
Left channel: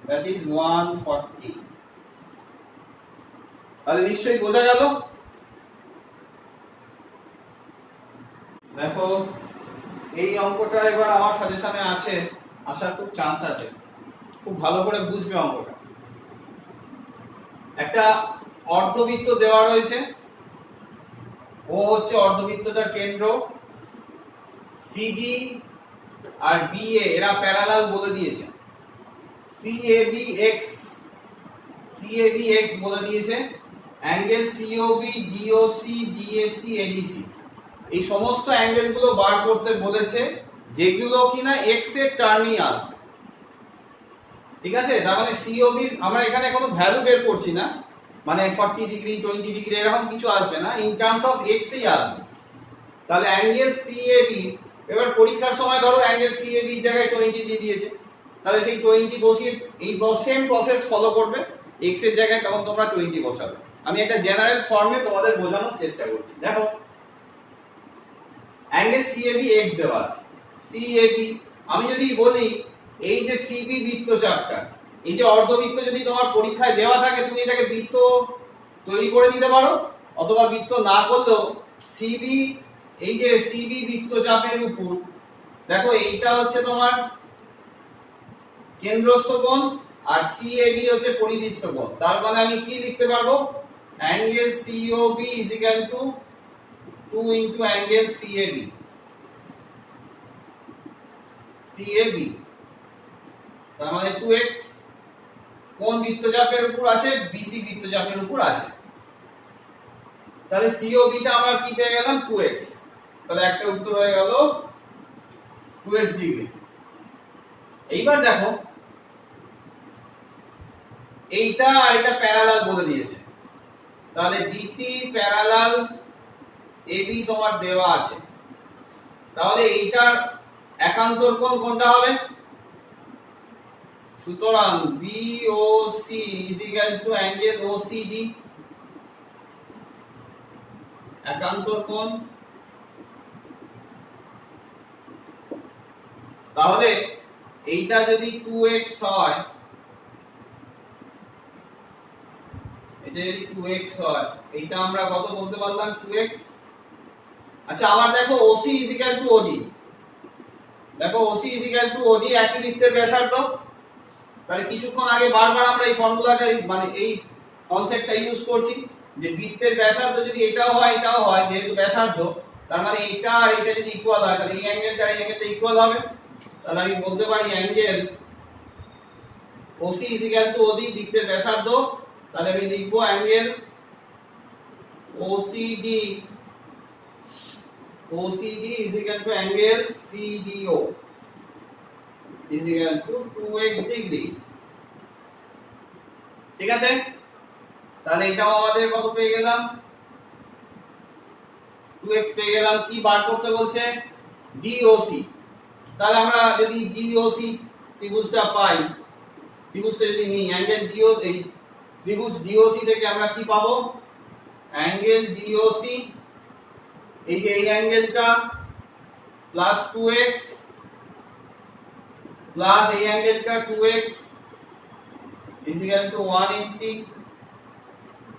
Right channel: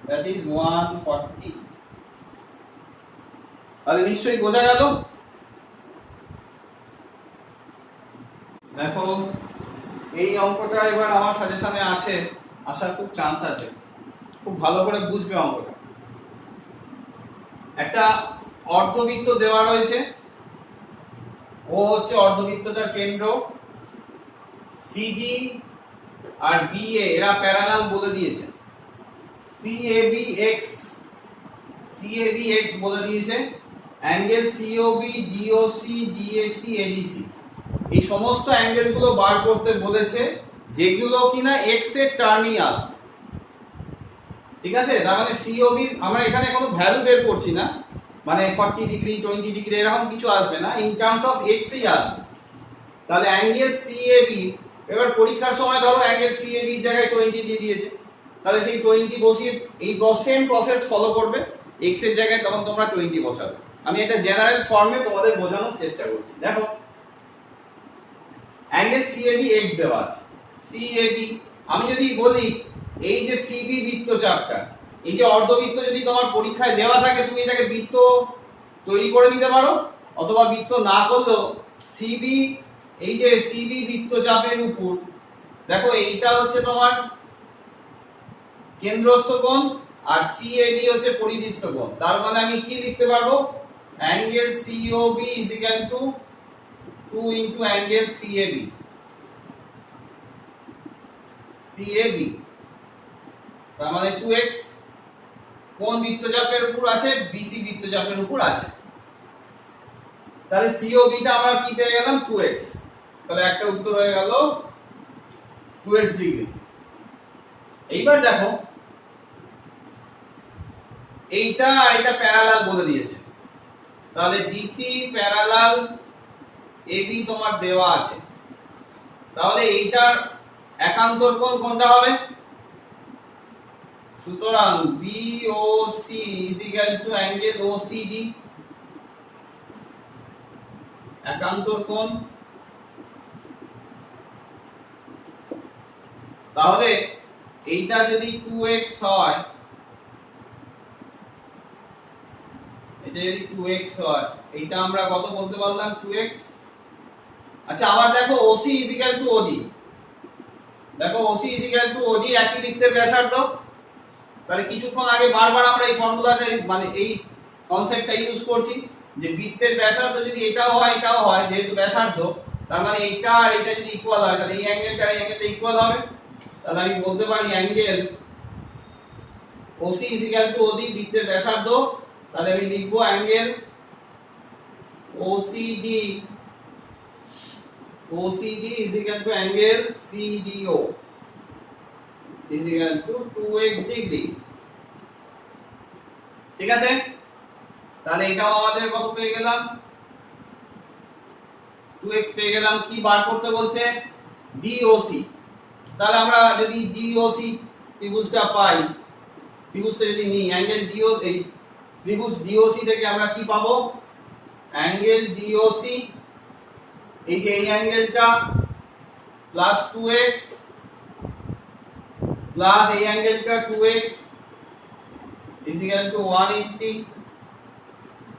that is 140। তাহলে নিশ্চয়ই বোঝা গেল। দেখো এই অঙ্কটা এবার আমার সাজেশনে আছে, আসার খুব চান্স আছে, খুব ভালো করে বুঝবে অঙ্কটা। একটা অর্ধবৃত্ত দেওয়া রয়েছে, ও হচ্ছে অর্ধবৃত্তটার কেন্দ্র, CD আর BA এরা প্যারালাল বলে দিয়েছে, CAB x বলে দিয়েছে, angle COB DOC DAC ADC এই সমস্ত অ্যাঙ্গেল গুলো বার করতে বলেছে, যেগুলো কিনা x এর টার্মই আসবে, ঠিক আছে। তার মানে COB আমরা এখানে কোনো ভ্যালু বের করছি না, মানে 40 ডিগ্রি 20 ডিগ্রি এরকম কিছু আসবে না, ইন টার্মস অফ x ই আসবে। তাহলে অ্যাঙ্গেল CAB, এবার পরীক্ষার সময় ধরো অ্যাঙ্গেল CAB এর জায়গায় 20 দিয়ে দিয়েছে, তাহলে সেই 20 বসিয়ে এই সেম প্রসেস ফলো করবে, x এর জায়গায় তখন তোমরা 20 বসাবে। আমি একটা জেনারেল ফর্মে তোমাদের বোঝানোর চেষ্টা করছি। দেখো অ্যাঙ্গেল CAB x দেওয়া আছে, CAB আমি যদি বলি এই যে CB বৃত্তচাপটা, এই যে অর্ধবৃত্ত যদি তোমার পরীক্ষায় দেওয়া থাকে তুমি এটাকে বৃত্ত তৈরি করে দিতে পারো, অথবা বৃত্ত না করলেও CB, এই যে CB বৃত্তচাপের উপর দেখো এইটা হচ্ছে তোমার কেন্দ্রস্থ কোণ আর CAB হচ্ছে পরিদিষ্ট কোণ, তার মানে আমি কি লিখতে পারবো, angle COB is equal to 2 into angle CAB, তার মানে 2x কোন বৃত্তচাপের উপর আছে, BC বৃত্তচাপের উপর আছে। তাহলে COB টা আমরা কি পেয়ে গেলাম 2x, তাহলে একটা উত্তর হয়ে গেল 2x ডিগ্রি। এইবার দেখো এইটা আর এটা প্যারালাল বলে দিয়েছে, তাহলে DC প্যারালাল AB তোমার দেওয়া আছে, তাহলে এইটার একান্তর কোণ কোনটা হবে, সুতরাং BOC is equal to angle OCD, একান্তর কোণ। তাহলে এইটা যদি 2x হয়, এটা যদি 2x হয়, এইটা আমরা কত বলতে পারলাম 2x। আচ্ছা আবার দেখো OC is equal to OD, দেখো OC is equal to OD একই বৃত্তের ব্যাসার্ধ, তাহলে কিছুক্ষণ আগে বারবার আমরা এই ফর্মুলাটা মানে এই কনসেপ্টটা ইউজ করছি যে বৃত্তের ব্যাসার্ধ যদি এটাও হয় এটাও হয়, যেহেতু ব্যাসার্ধ তার মানে এইটা আর এটা যদি ইকুয়াল হয় তাহলে এই অ্যাঙ্গেলটা আর এই অ্যাঙ্গেলটা ইকুয়াল হবে, তাহলে আমি বলতে পারি angle OC is equal to OD বৃত্তের ব্যাসার্ধ, তাহলে আমি লিখবো angle OCD is equal to angle CDO is equal to 2x degree, ঠিক আছে। তাহলে এটাও আমাদের কত পেয়ে গেলাম 2x পেয়ে গেলাম। কি বার করতে বলছে? DOC। তাহলে আমরা যদি DOC ত্রিভুজটা পাই, ত্রিভুজটা যদি নিই অ্যাঙ্গেল DOC, এই ত্রিভুজ DOC থেকে আমরা কি পাবো? অ্যাঙ্গেল DOC, এই যে এই অ্যাঙ্গেলটা প্লাস 2x প্লাস এই অ্যাঙ্গেলটা 2x is equal to 180।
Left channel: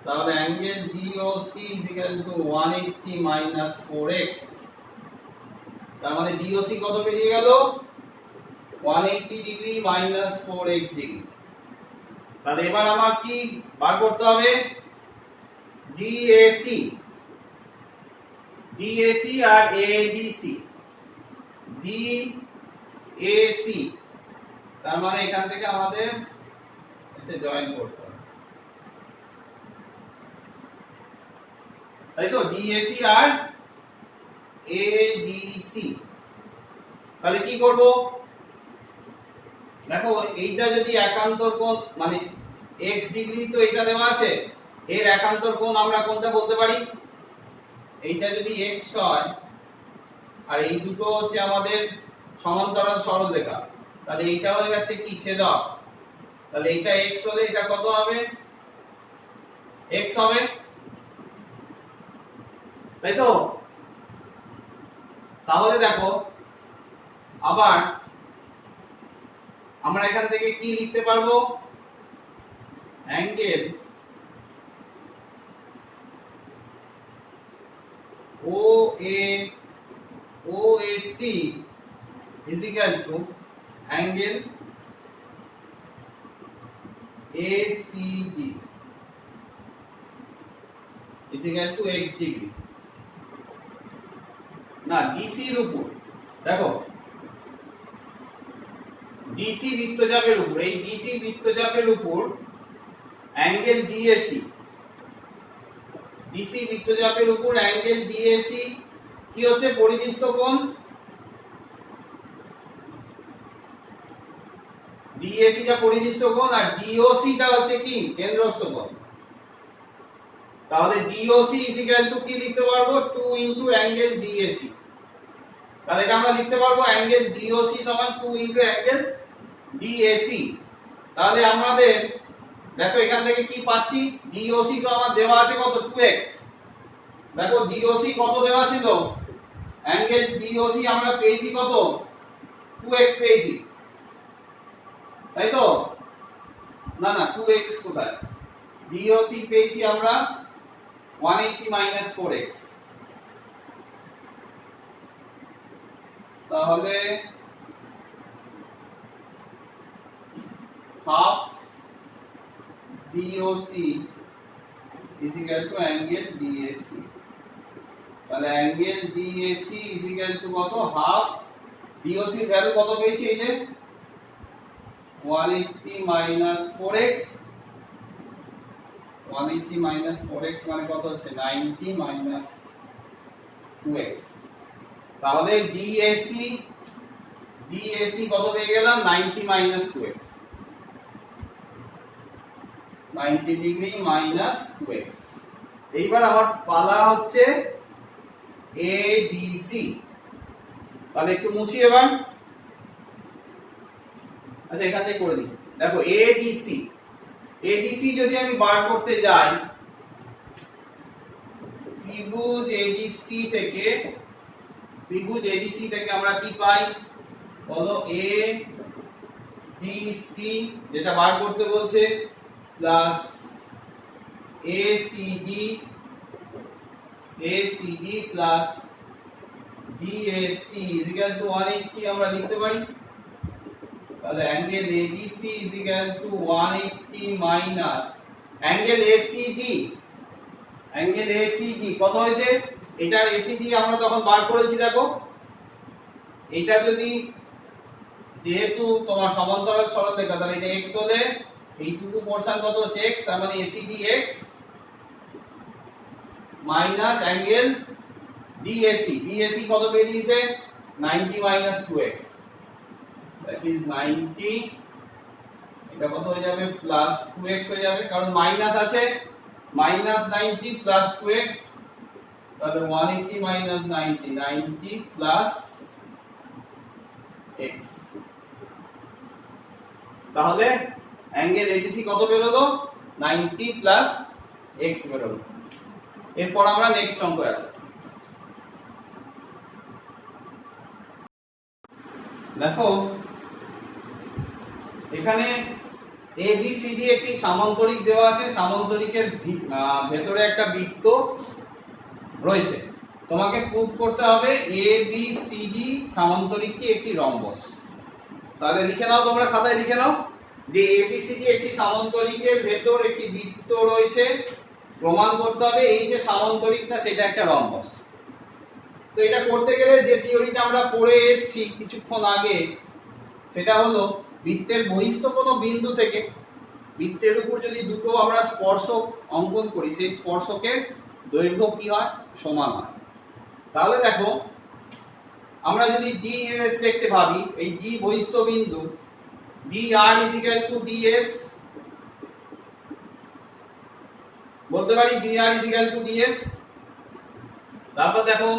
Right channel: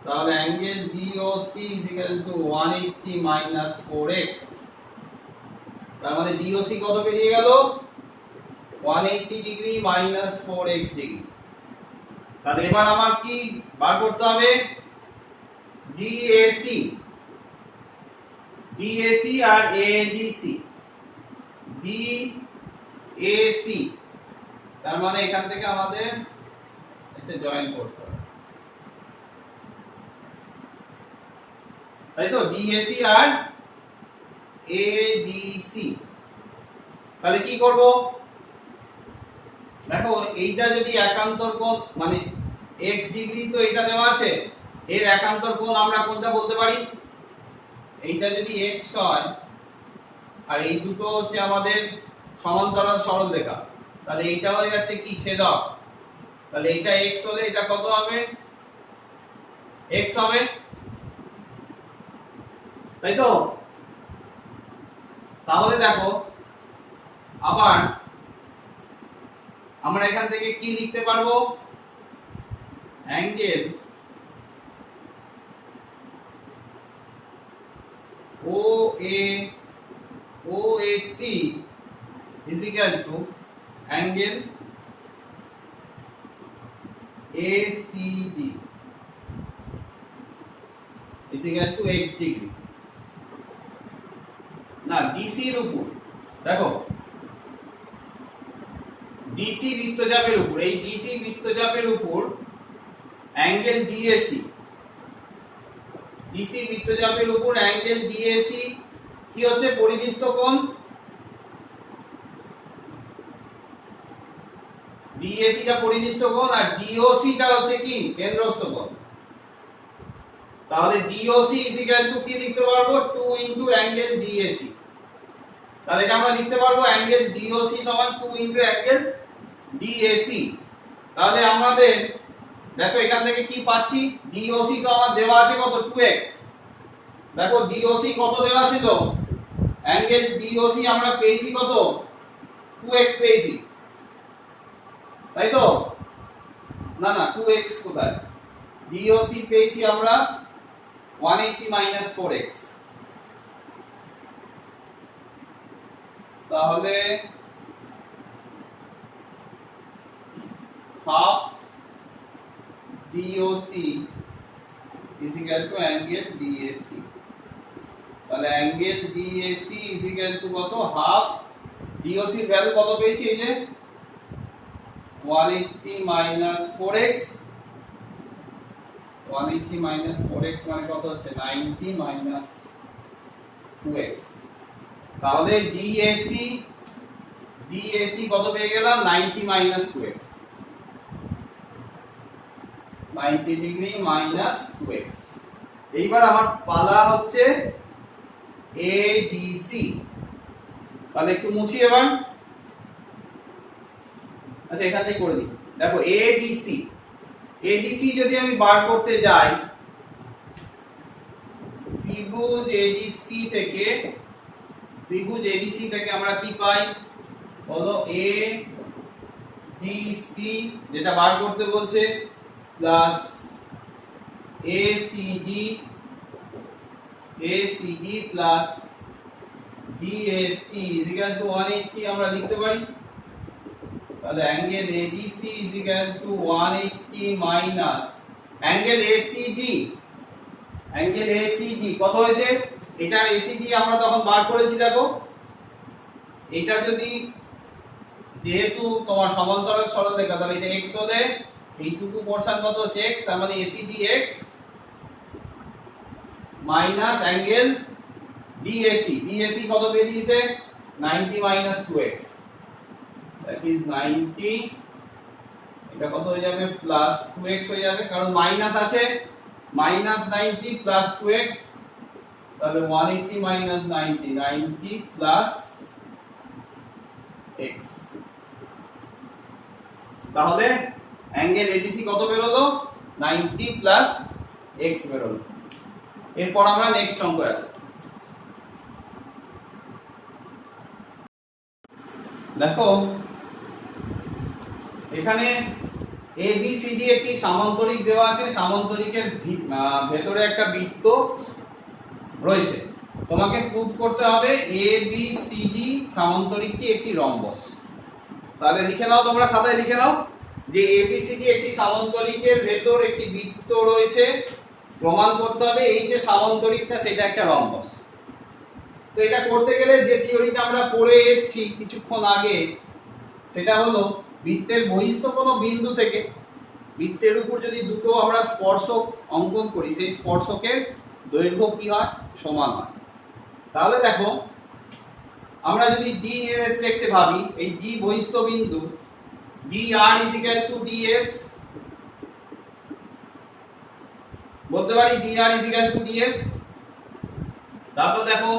তাহলে angle DOC is equal to 180 minus 4x। তার মানে DOC কত বেরিয়ে গেল? 180 ডিগ্রি মাইনাস 4x ডিগ্রি। তাহলে এবার আমার কি বার করতে হবে? DAC, DAC আর ADC। DAC তার মানে এখান থেকে আমাদের এটা জয়েন করতে হবে, তাই তো? DAC আর ADC। তাহলে কি করব? দেখো এইটা যদি একান্তর কোণ, মানে x ডিগ্রি তো এটা দেওয়া আছে, এর একান্তর কোণ আমরা কোনটা বলতে পারি? এইটা যদি x হয় আর এই দুটো হচ্ছে আমাদের সমান্তরাল সরলরেখা, তাহলে এইটা হয়ে যাচ্ছে কি? ছেদক। তাহলে এইটা x হলে এটা কত হবে? x হবে, তাই তো? তাহলে দেখো আবার আমরা এখান থেকে কি লিখতে পারবো? Angle OAC is equal to angle ACD is equal to x degree. না, DC এর উপর দেখো, DC বৃত্তচাপের উপর, এই DC বৃত্তচাপের উপর অ্যাঙ্গেল DAC, DC বৃত্তচাপের উপর অ্যাঙ্গেল DAC কি হচ্ছে? পরিধিস্থ কোণ। DAC টা পরিধিস্থ কোণ আর DOC টা হচ্ছে কি? কেন্দ্রস্থ কোণ। তাহলে DOC is equal to কি লিখতে পারবো? 2 into অ্যাঙ্গেল DAC। তাহলে এটা আমরা লিখতে পারবো অ্যাঙ্গেল DOC সমান 2 into অ্যাঙ্গেল DAC। তাহলে আমাদের দেখো এখান থেকে কি পাচ্ছি? DOC তো আমার দেওয়া আছে কত? 2x। দেখো DOC কত দেওয়া ছিল? অ্যাঙ্গেল DOC আমরা পেয়েছি কত? 2x পেয়েছি, তাই তো? না না, 2x কোথায়? DOC পেয়েছি আমরা 180 minus 4x। তাহলে half DOC is equal to angle DAC। তাহলে angle DAC is equal to কত? half DOC এর ভ্যালু কত পেয়েছি? এই যে 180 minus 4x, 180 minus 4x মানে কত হচ্ছে? 90 minus 2x। তাহলে DAC কত পেয়ে গেলাম? 90 minus 2x, 90 degree minus 2x। এইবার আমার পালা হচ্ছে ADC। তাহলে একটু মুছি এবার। আচ্ছা এখান থেকে করে দিই। দেখো ADC যদি আমি বার করতে যাই, ত্রিভুজ ADC থেকে আমরা কি পাই? বলো, ADC যেটা বার করতে বলছে plus ACD plus DAC is equal to 180 আমরা লিখতে পারি। তাহলে angle ADC is equal to 180 minus angle ACD কত হয়েছে? এটার ACD আমরা তখন বার করেছি। দেখো এটা যদি, যেহেতু তোমার সমান্তরাল সরলরেখা, তাহলে এটা x হলে এইটুকু পোরশন কত হচ্ছে? x। তার মানে ACD x minus angle DAC কত বেরিয়েছে? 90 minus 2x, that is 90। এটা কত হয়ে যাবে? প্লাস 2x হয়ে যাবে, কারণ মাইনাস আছে। মাইনাস 90 প্লাস 2x, তাহলে 180 মাইনাস 90 90 প্লাস x। তাহলে অ্যাঙ্গেল ABC কত বেরোলো? 90 প্লাস x বেরোলো। এরপর আমরা নেক্সট অঙ্কে আসি। দেখো এখানে ABCD একটি সামান্তরিক দেওয়া আছে, সামান্তরিকের ভেতরে একটা বৃত্ত রয়েছে। তোমাকে প্রুভ করতে হবে ABCD সামান্তরিকটি একটি রম্বস। তাহলে লিখে নাও, তোমরা খাতায় লিখে নাও যে ABCD একটি সামান্তরিকের ভেতর একটি বৃত্ত রয়েছে, প্রমাণ করতে হবে এই যে সামান্তরিকটা সেটা একটা রম্বস। তো এটা করতে গেলে যে থিওরিটা আমরা পড়ে এসেছি কিছুক্ষণ আগে, সেটা হলো বৃত্তের বহিস্থ কোনো বিন্দু থেকে বৃত্তের উপর যদি দুটো আমরা স্পর্শক অঙ্কন করি, সেই স্পর্শকের দৈর্ঘ্য কি হয়? সমান হয়। তাহলে দেখো আমরা যদি D এর রেসপেক্টে ভাবি, এই D বহিস্থ বিন্দু dr = ds, বলতে পারি dr = ds। তারপর দেখো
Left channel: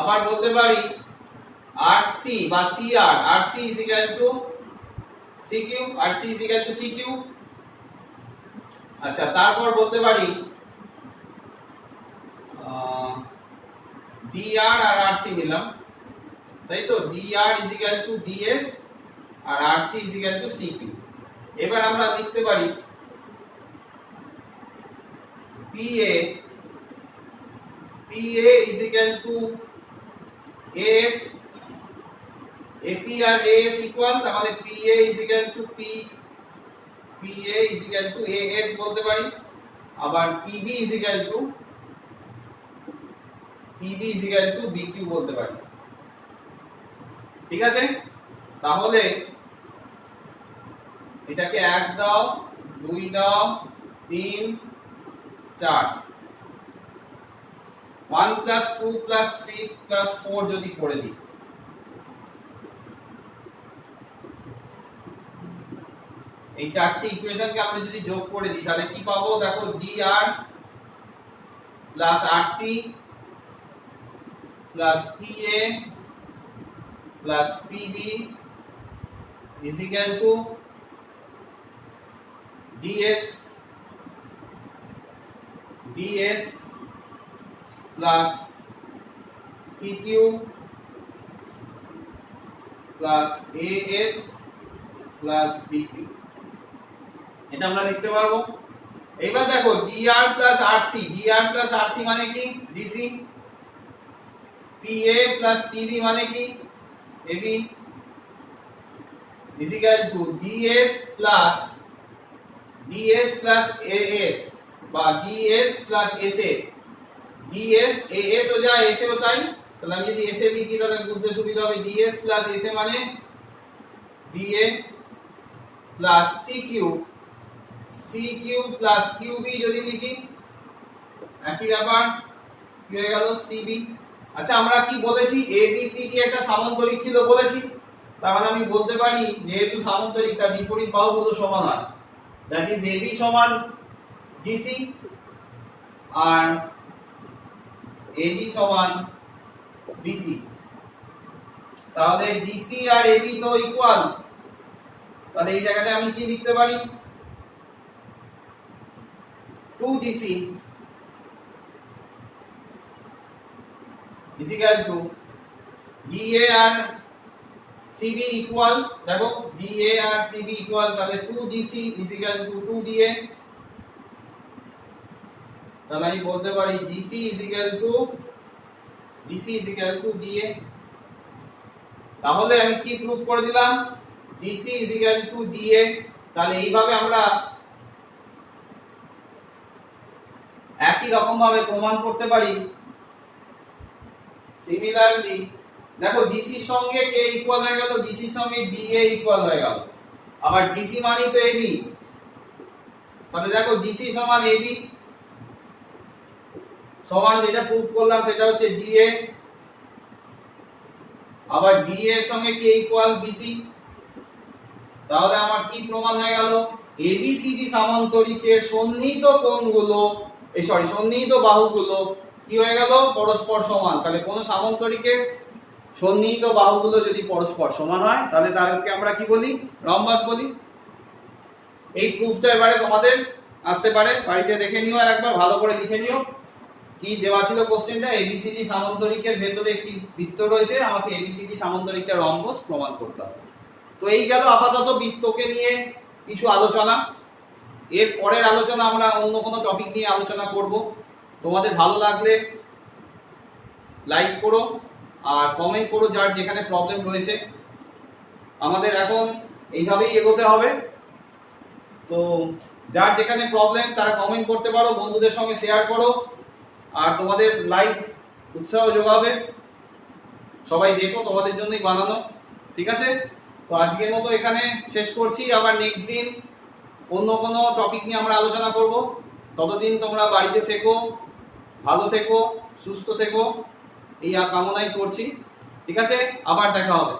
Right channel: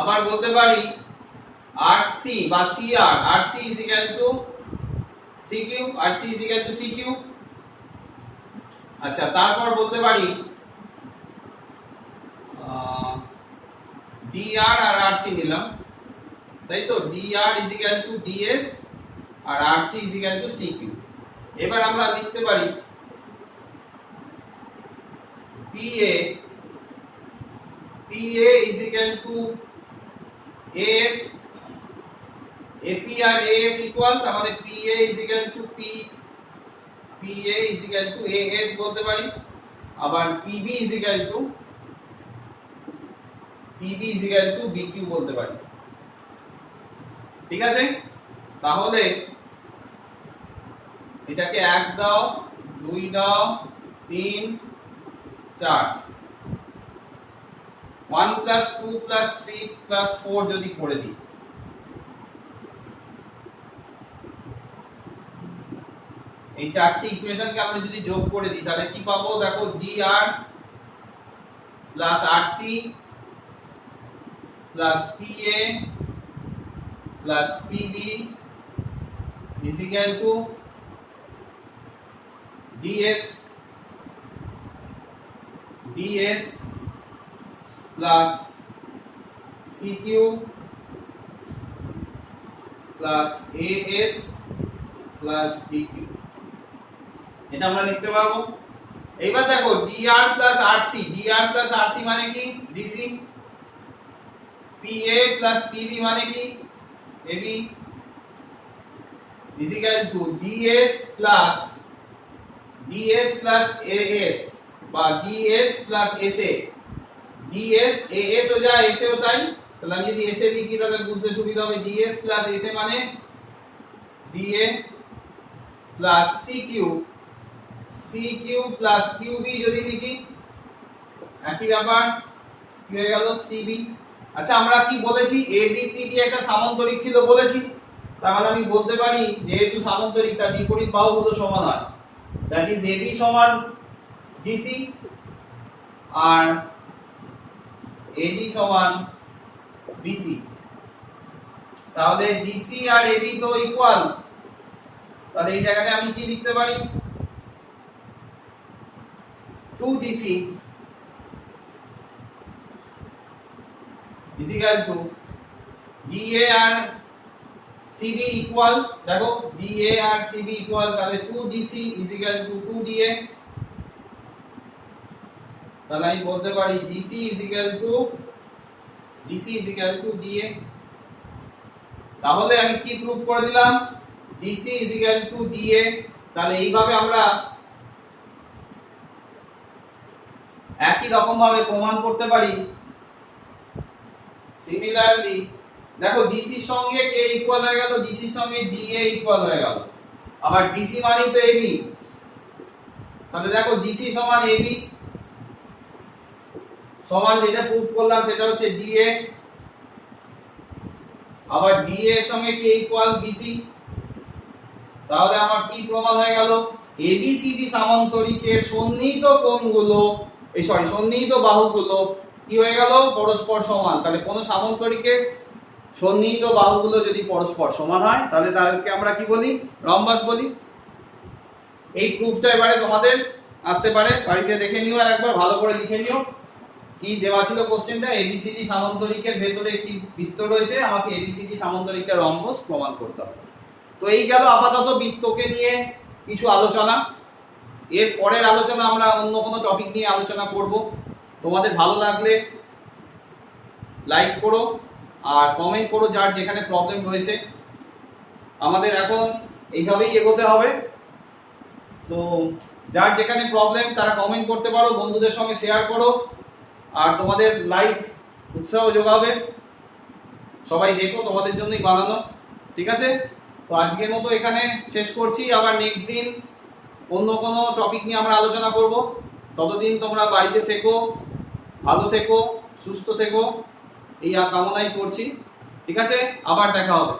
আবার বলতে পারি RC বা CR, RC = CQ, RC = CQ। আচ্ছা, তারপর বলতে পারি dr আর RC নিলাম, তাই তো? dr = ds আর RC = CQ। এবার আমরা লিখতে পারি PA = AS, AP আর AS ইকুয়াল, তার মানে PA = AS বলতে পারি। আবার PB = BQ বলতে পারি। ঠিক আছে? তাহলে এটাকে 1 দাও, 2 দাও, 3, 4, 1 + 2 + 3 + 4 যদি করে দিই, এই চারটি ইকুয়েশনকে আমরা যদি যোগ করে দিই তাহলে কি পাবো? দেখো dr + RC + PA + PB = ds plus CQ plus AS plus BQ। এটা আমরা লিখতে পারবো। এবার দেখো dr plus RC মানে কি? DC। PA plus PB মানে কি? AB = DS plus AS বা DS plus SA। DS AS हो जाए SA होता है, তাহলে আমি যদি SA লিখি তাহলে বুঝতে সুবিধা হবে। DS plus SA মানে DA plus CQ plus QB যদি লিখি একই ব্যাপার, কি হয়ে গেল? CB। আচ্ছা, আমরা কি বলেছি? ABCD একটা সামান্তরিক ছিল বলেছি, তার মানে আমি বলতে পারি যেহেতু সামান্তরিক তার বিপরীত বাহুগুলো সমান হয়, দ্যাট ইজ AB সমান DC আর AD সমান BC। তাহলে DC আর AB তো ইকুয়াল, তাহলে এই জায়গাতে আমি কি লিখতে পারি? 2DC = DA আর CB ইকুয়াল। দেখো DA আর CB ইকুয়াল, তাহলে 2DC = 2DA। তাহলে আমি বলতে পারি DC = DA। তাহলে আমি কি প্রুফ করে দিলাম? DC = DA। তাহলে এইভাবে আমরা একই রকম ভাবে প্রমাণ করতে পারি। সিমিলারলি দেখো DC এর সঙ্গে কে ইকুয়াল হয়ে গেল? DC এর সঙ্গে DA ইকুয়াল হয়ে গেল। আবার DC মানেই তো AB, তাহলে দেখো DC সমান AB সমান, যেটা প্রুফ করলাম সেটা হচ্ছে DA। আবার DA এর সঙ্গে কে ইকুয়াল? BC। তাহলে আমার কি প্রমাণ হয়ে গেল? ABCD সামান্তরিকের সন্নিহিত কোণগুলো, সন্নিহিত বাহুগুলো কি হয়ে গেল, পরস্পর সমান। তাহলে কোন সামান্তরিকের সন্নিহিত বাহুগুলো যদি পরস্পর সমান হয় তাহলে তাদেরকে আমরা কি বলি, রম্বাস বলি। এই প্রুফটা এবারে তোমাদের আসতে পারে, বাড়িতে দেখে নিও আর একবার ভালো করে লিখে নিও। কি দেওয়া ছিল কোশ্চেনটা, এবিসিডি সামান্তরিকের ভেতরে একটি বৃত্ত রয়েছে, আমাকে এবিসিডি সামান্তরিকের রম্বস প্রমাণ করতে হবে। তো এই গেল আপাতত বৃত্তকে নিয়ে কিছু আলোচনা। এর পরের আলোচনা আমরা অন্য কোনো টপিক নিয়ে আলোচনা করব। তোমাদের ভালো লাগলে লাইক করো আর কমেন্ট করো যার যেখানে প্রবলেম রয়েছে। আমাদের এখন এইভাবেই এগোতে হবে। তো যার যেখানে প্রবলেম তারা কমেন্ট করতে পারো, বন্ধুদের সঙ্গে শেয়ার করো, আর তোমাদের লাইক উৎসাহ যোগাবে। সবাই দেখো, তোমাদের জন্যই বানানো। ঠিক আছে, তো আজকের মতো এখানে শেষ করছি। আবার নেক্সট দিন অন্য কোনো টপিক নিয়ে আমরা আলোচনা করব। ততদিন তোমরা বাড়িতে থেকো, ভালো থেকো, সুস্থ থেকো, এই কামনাই করছি। ঠিক আছে, আবার দেখা হবে।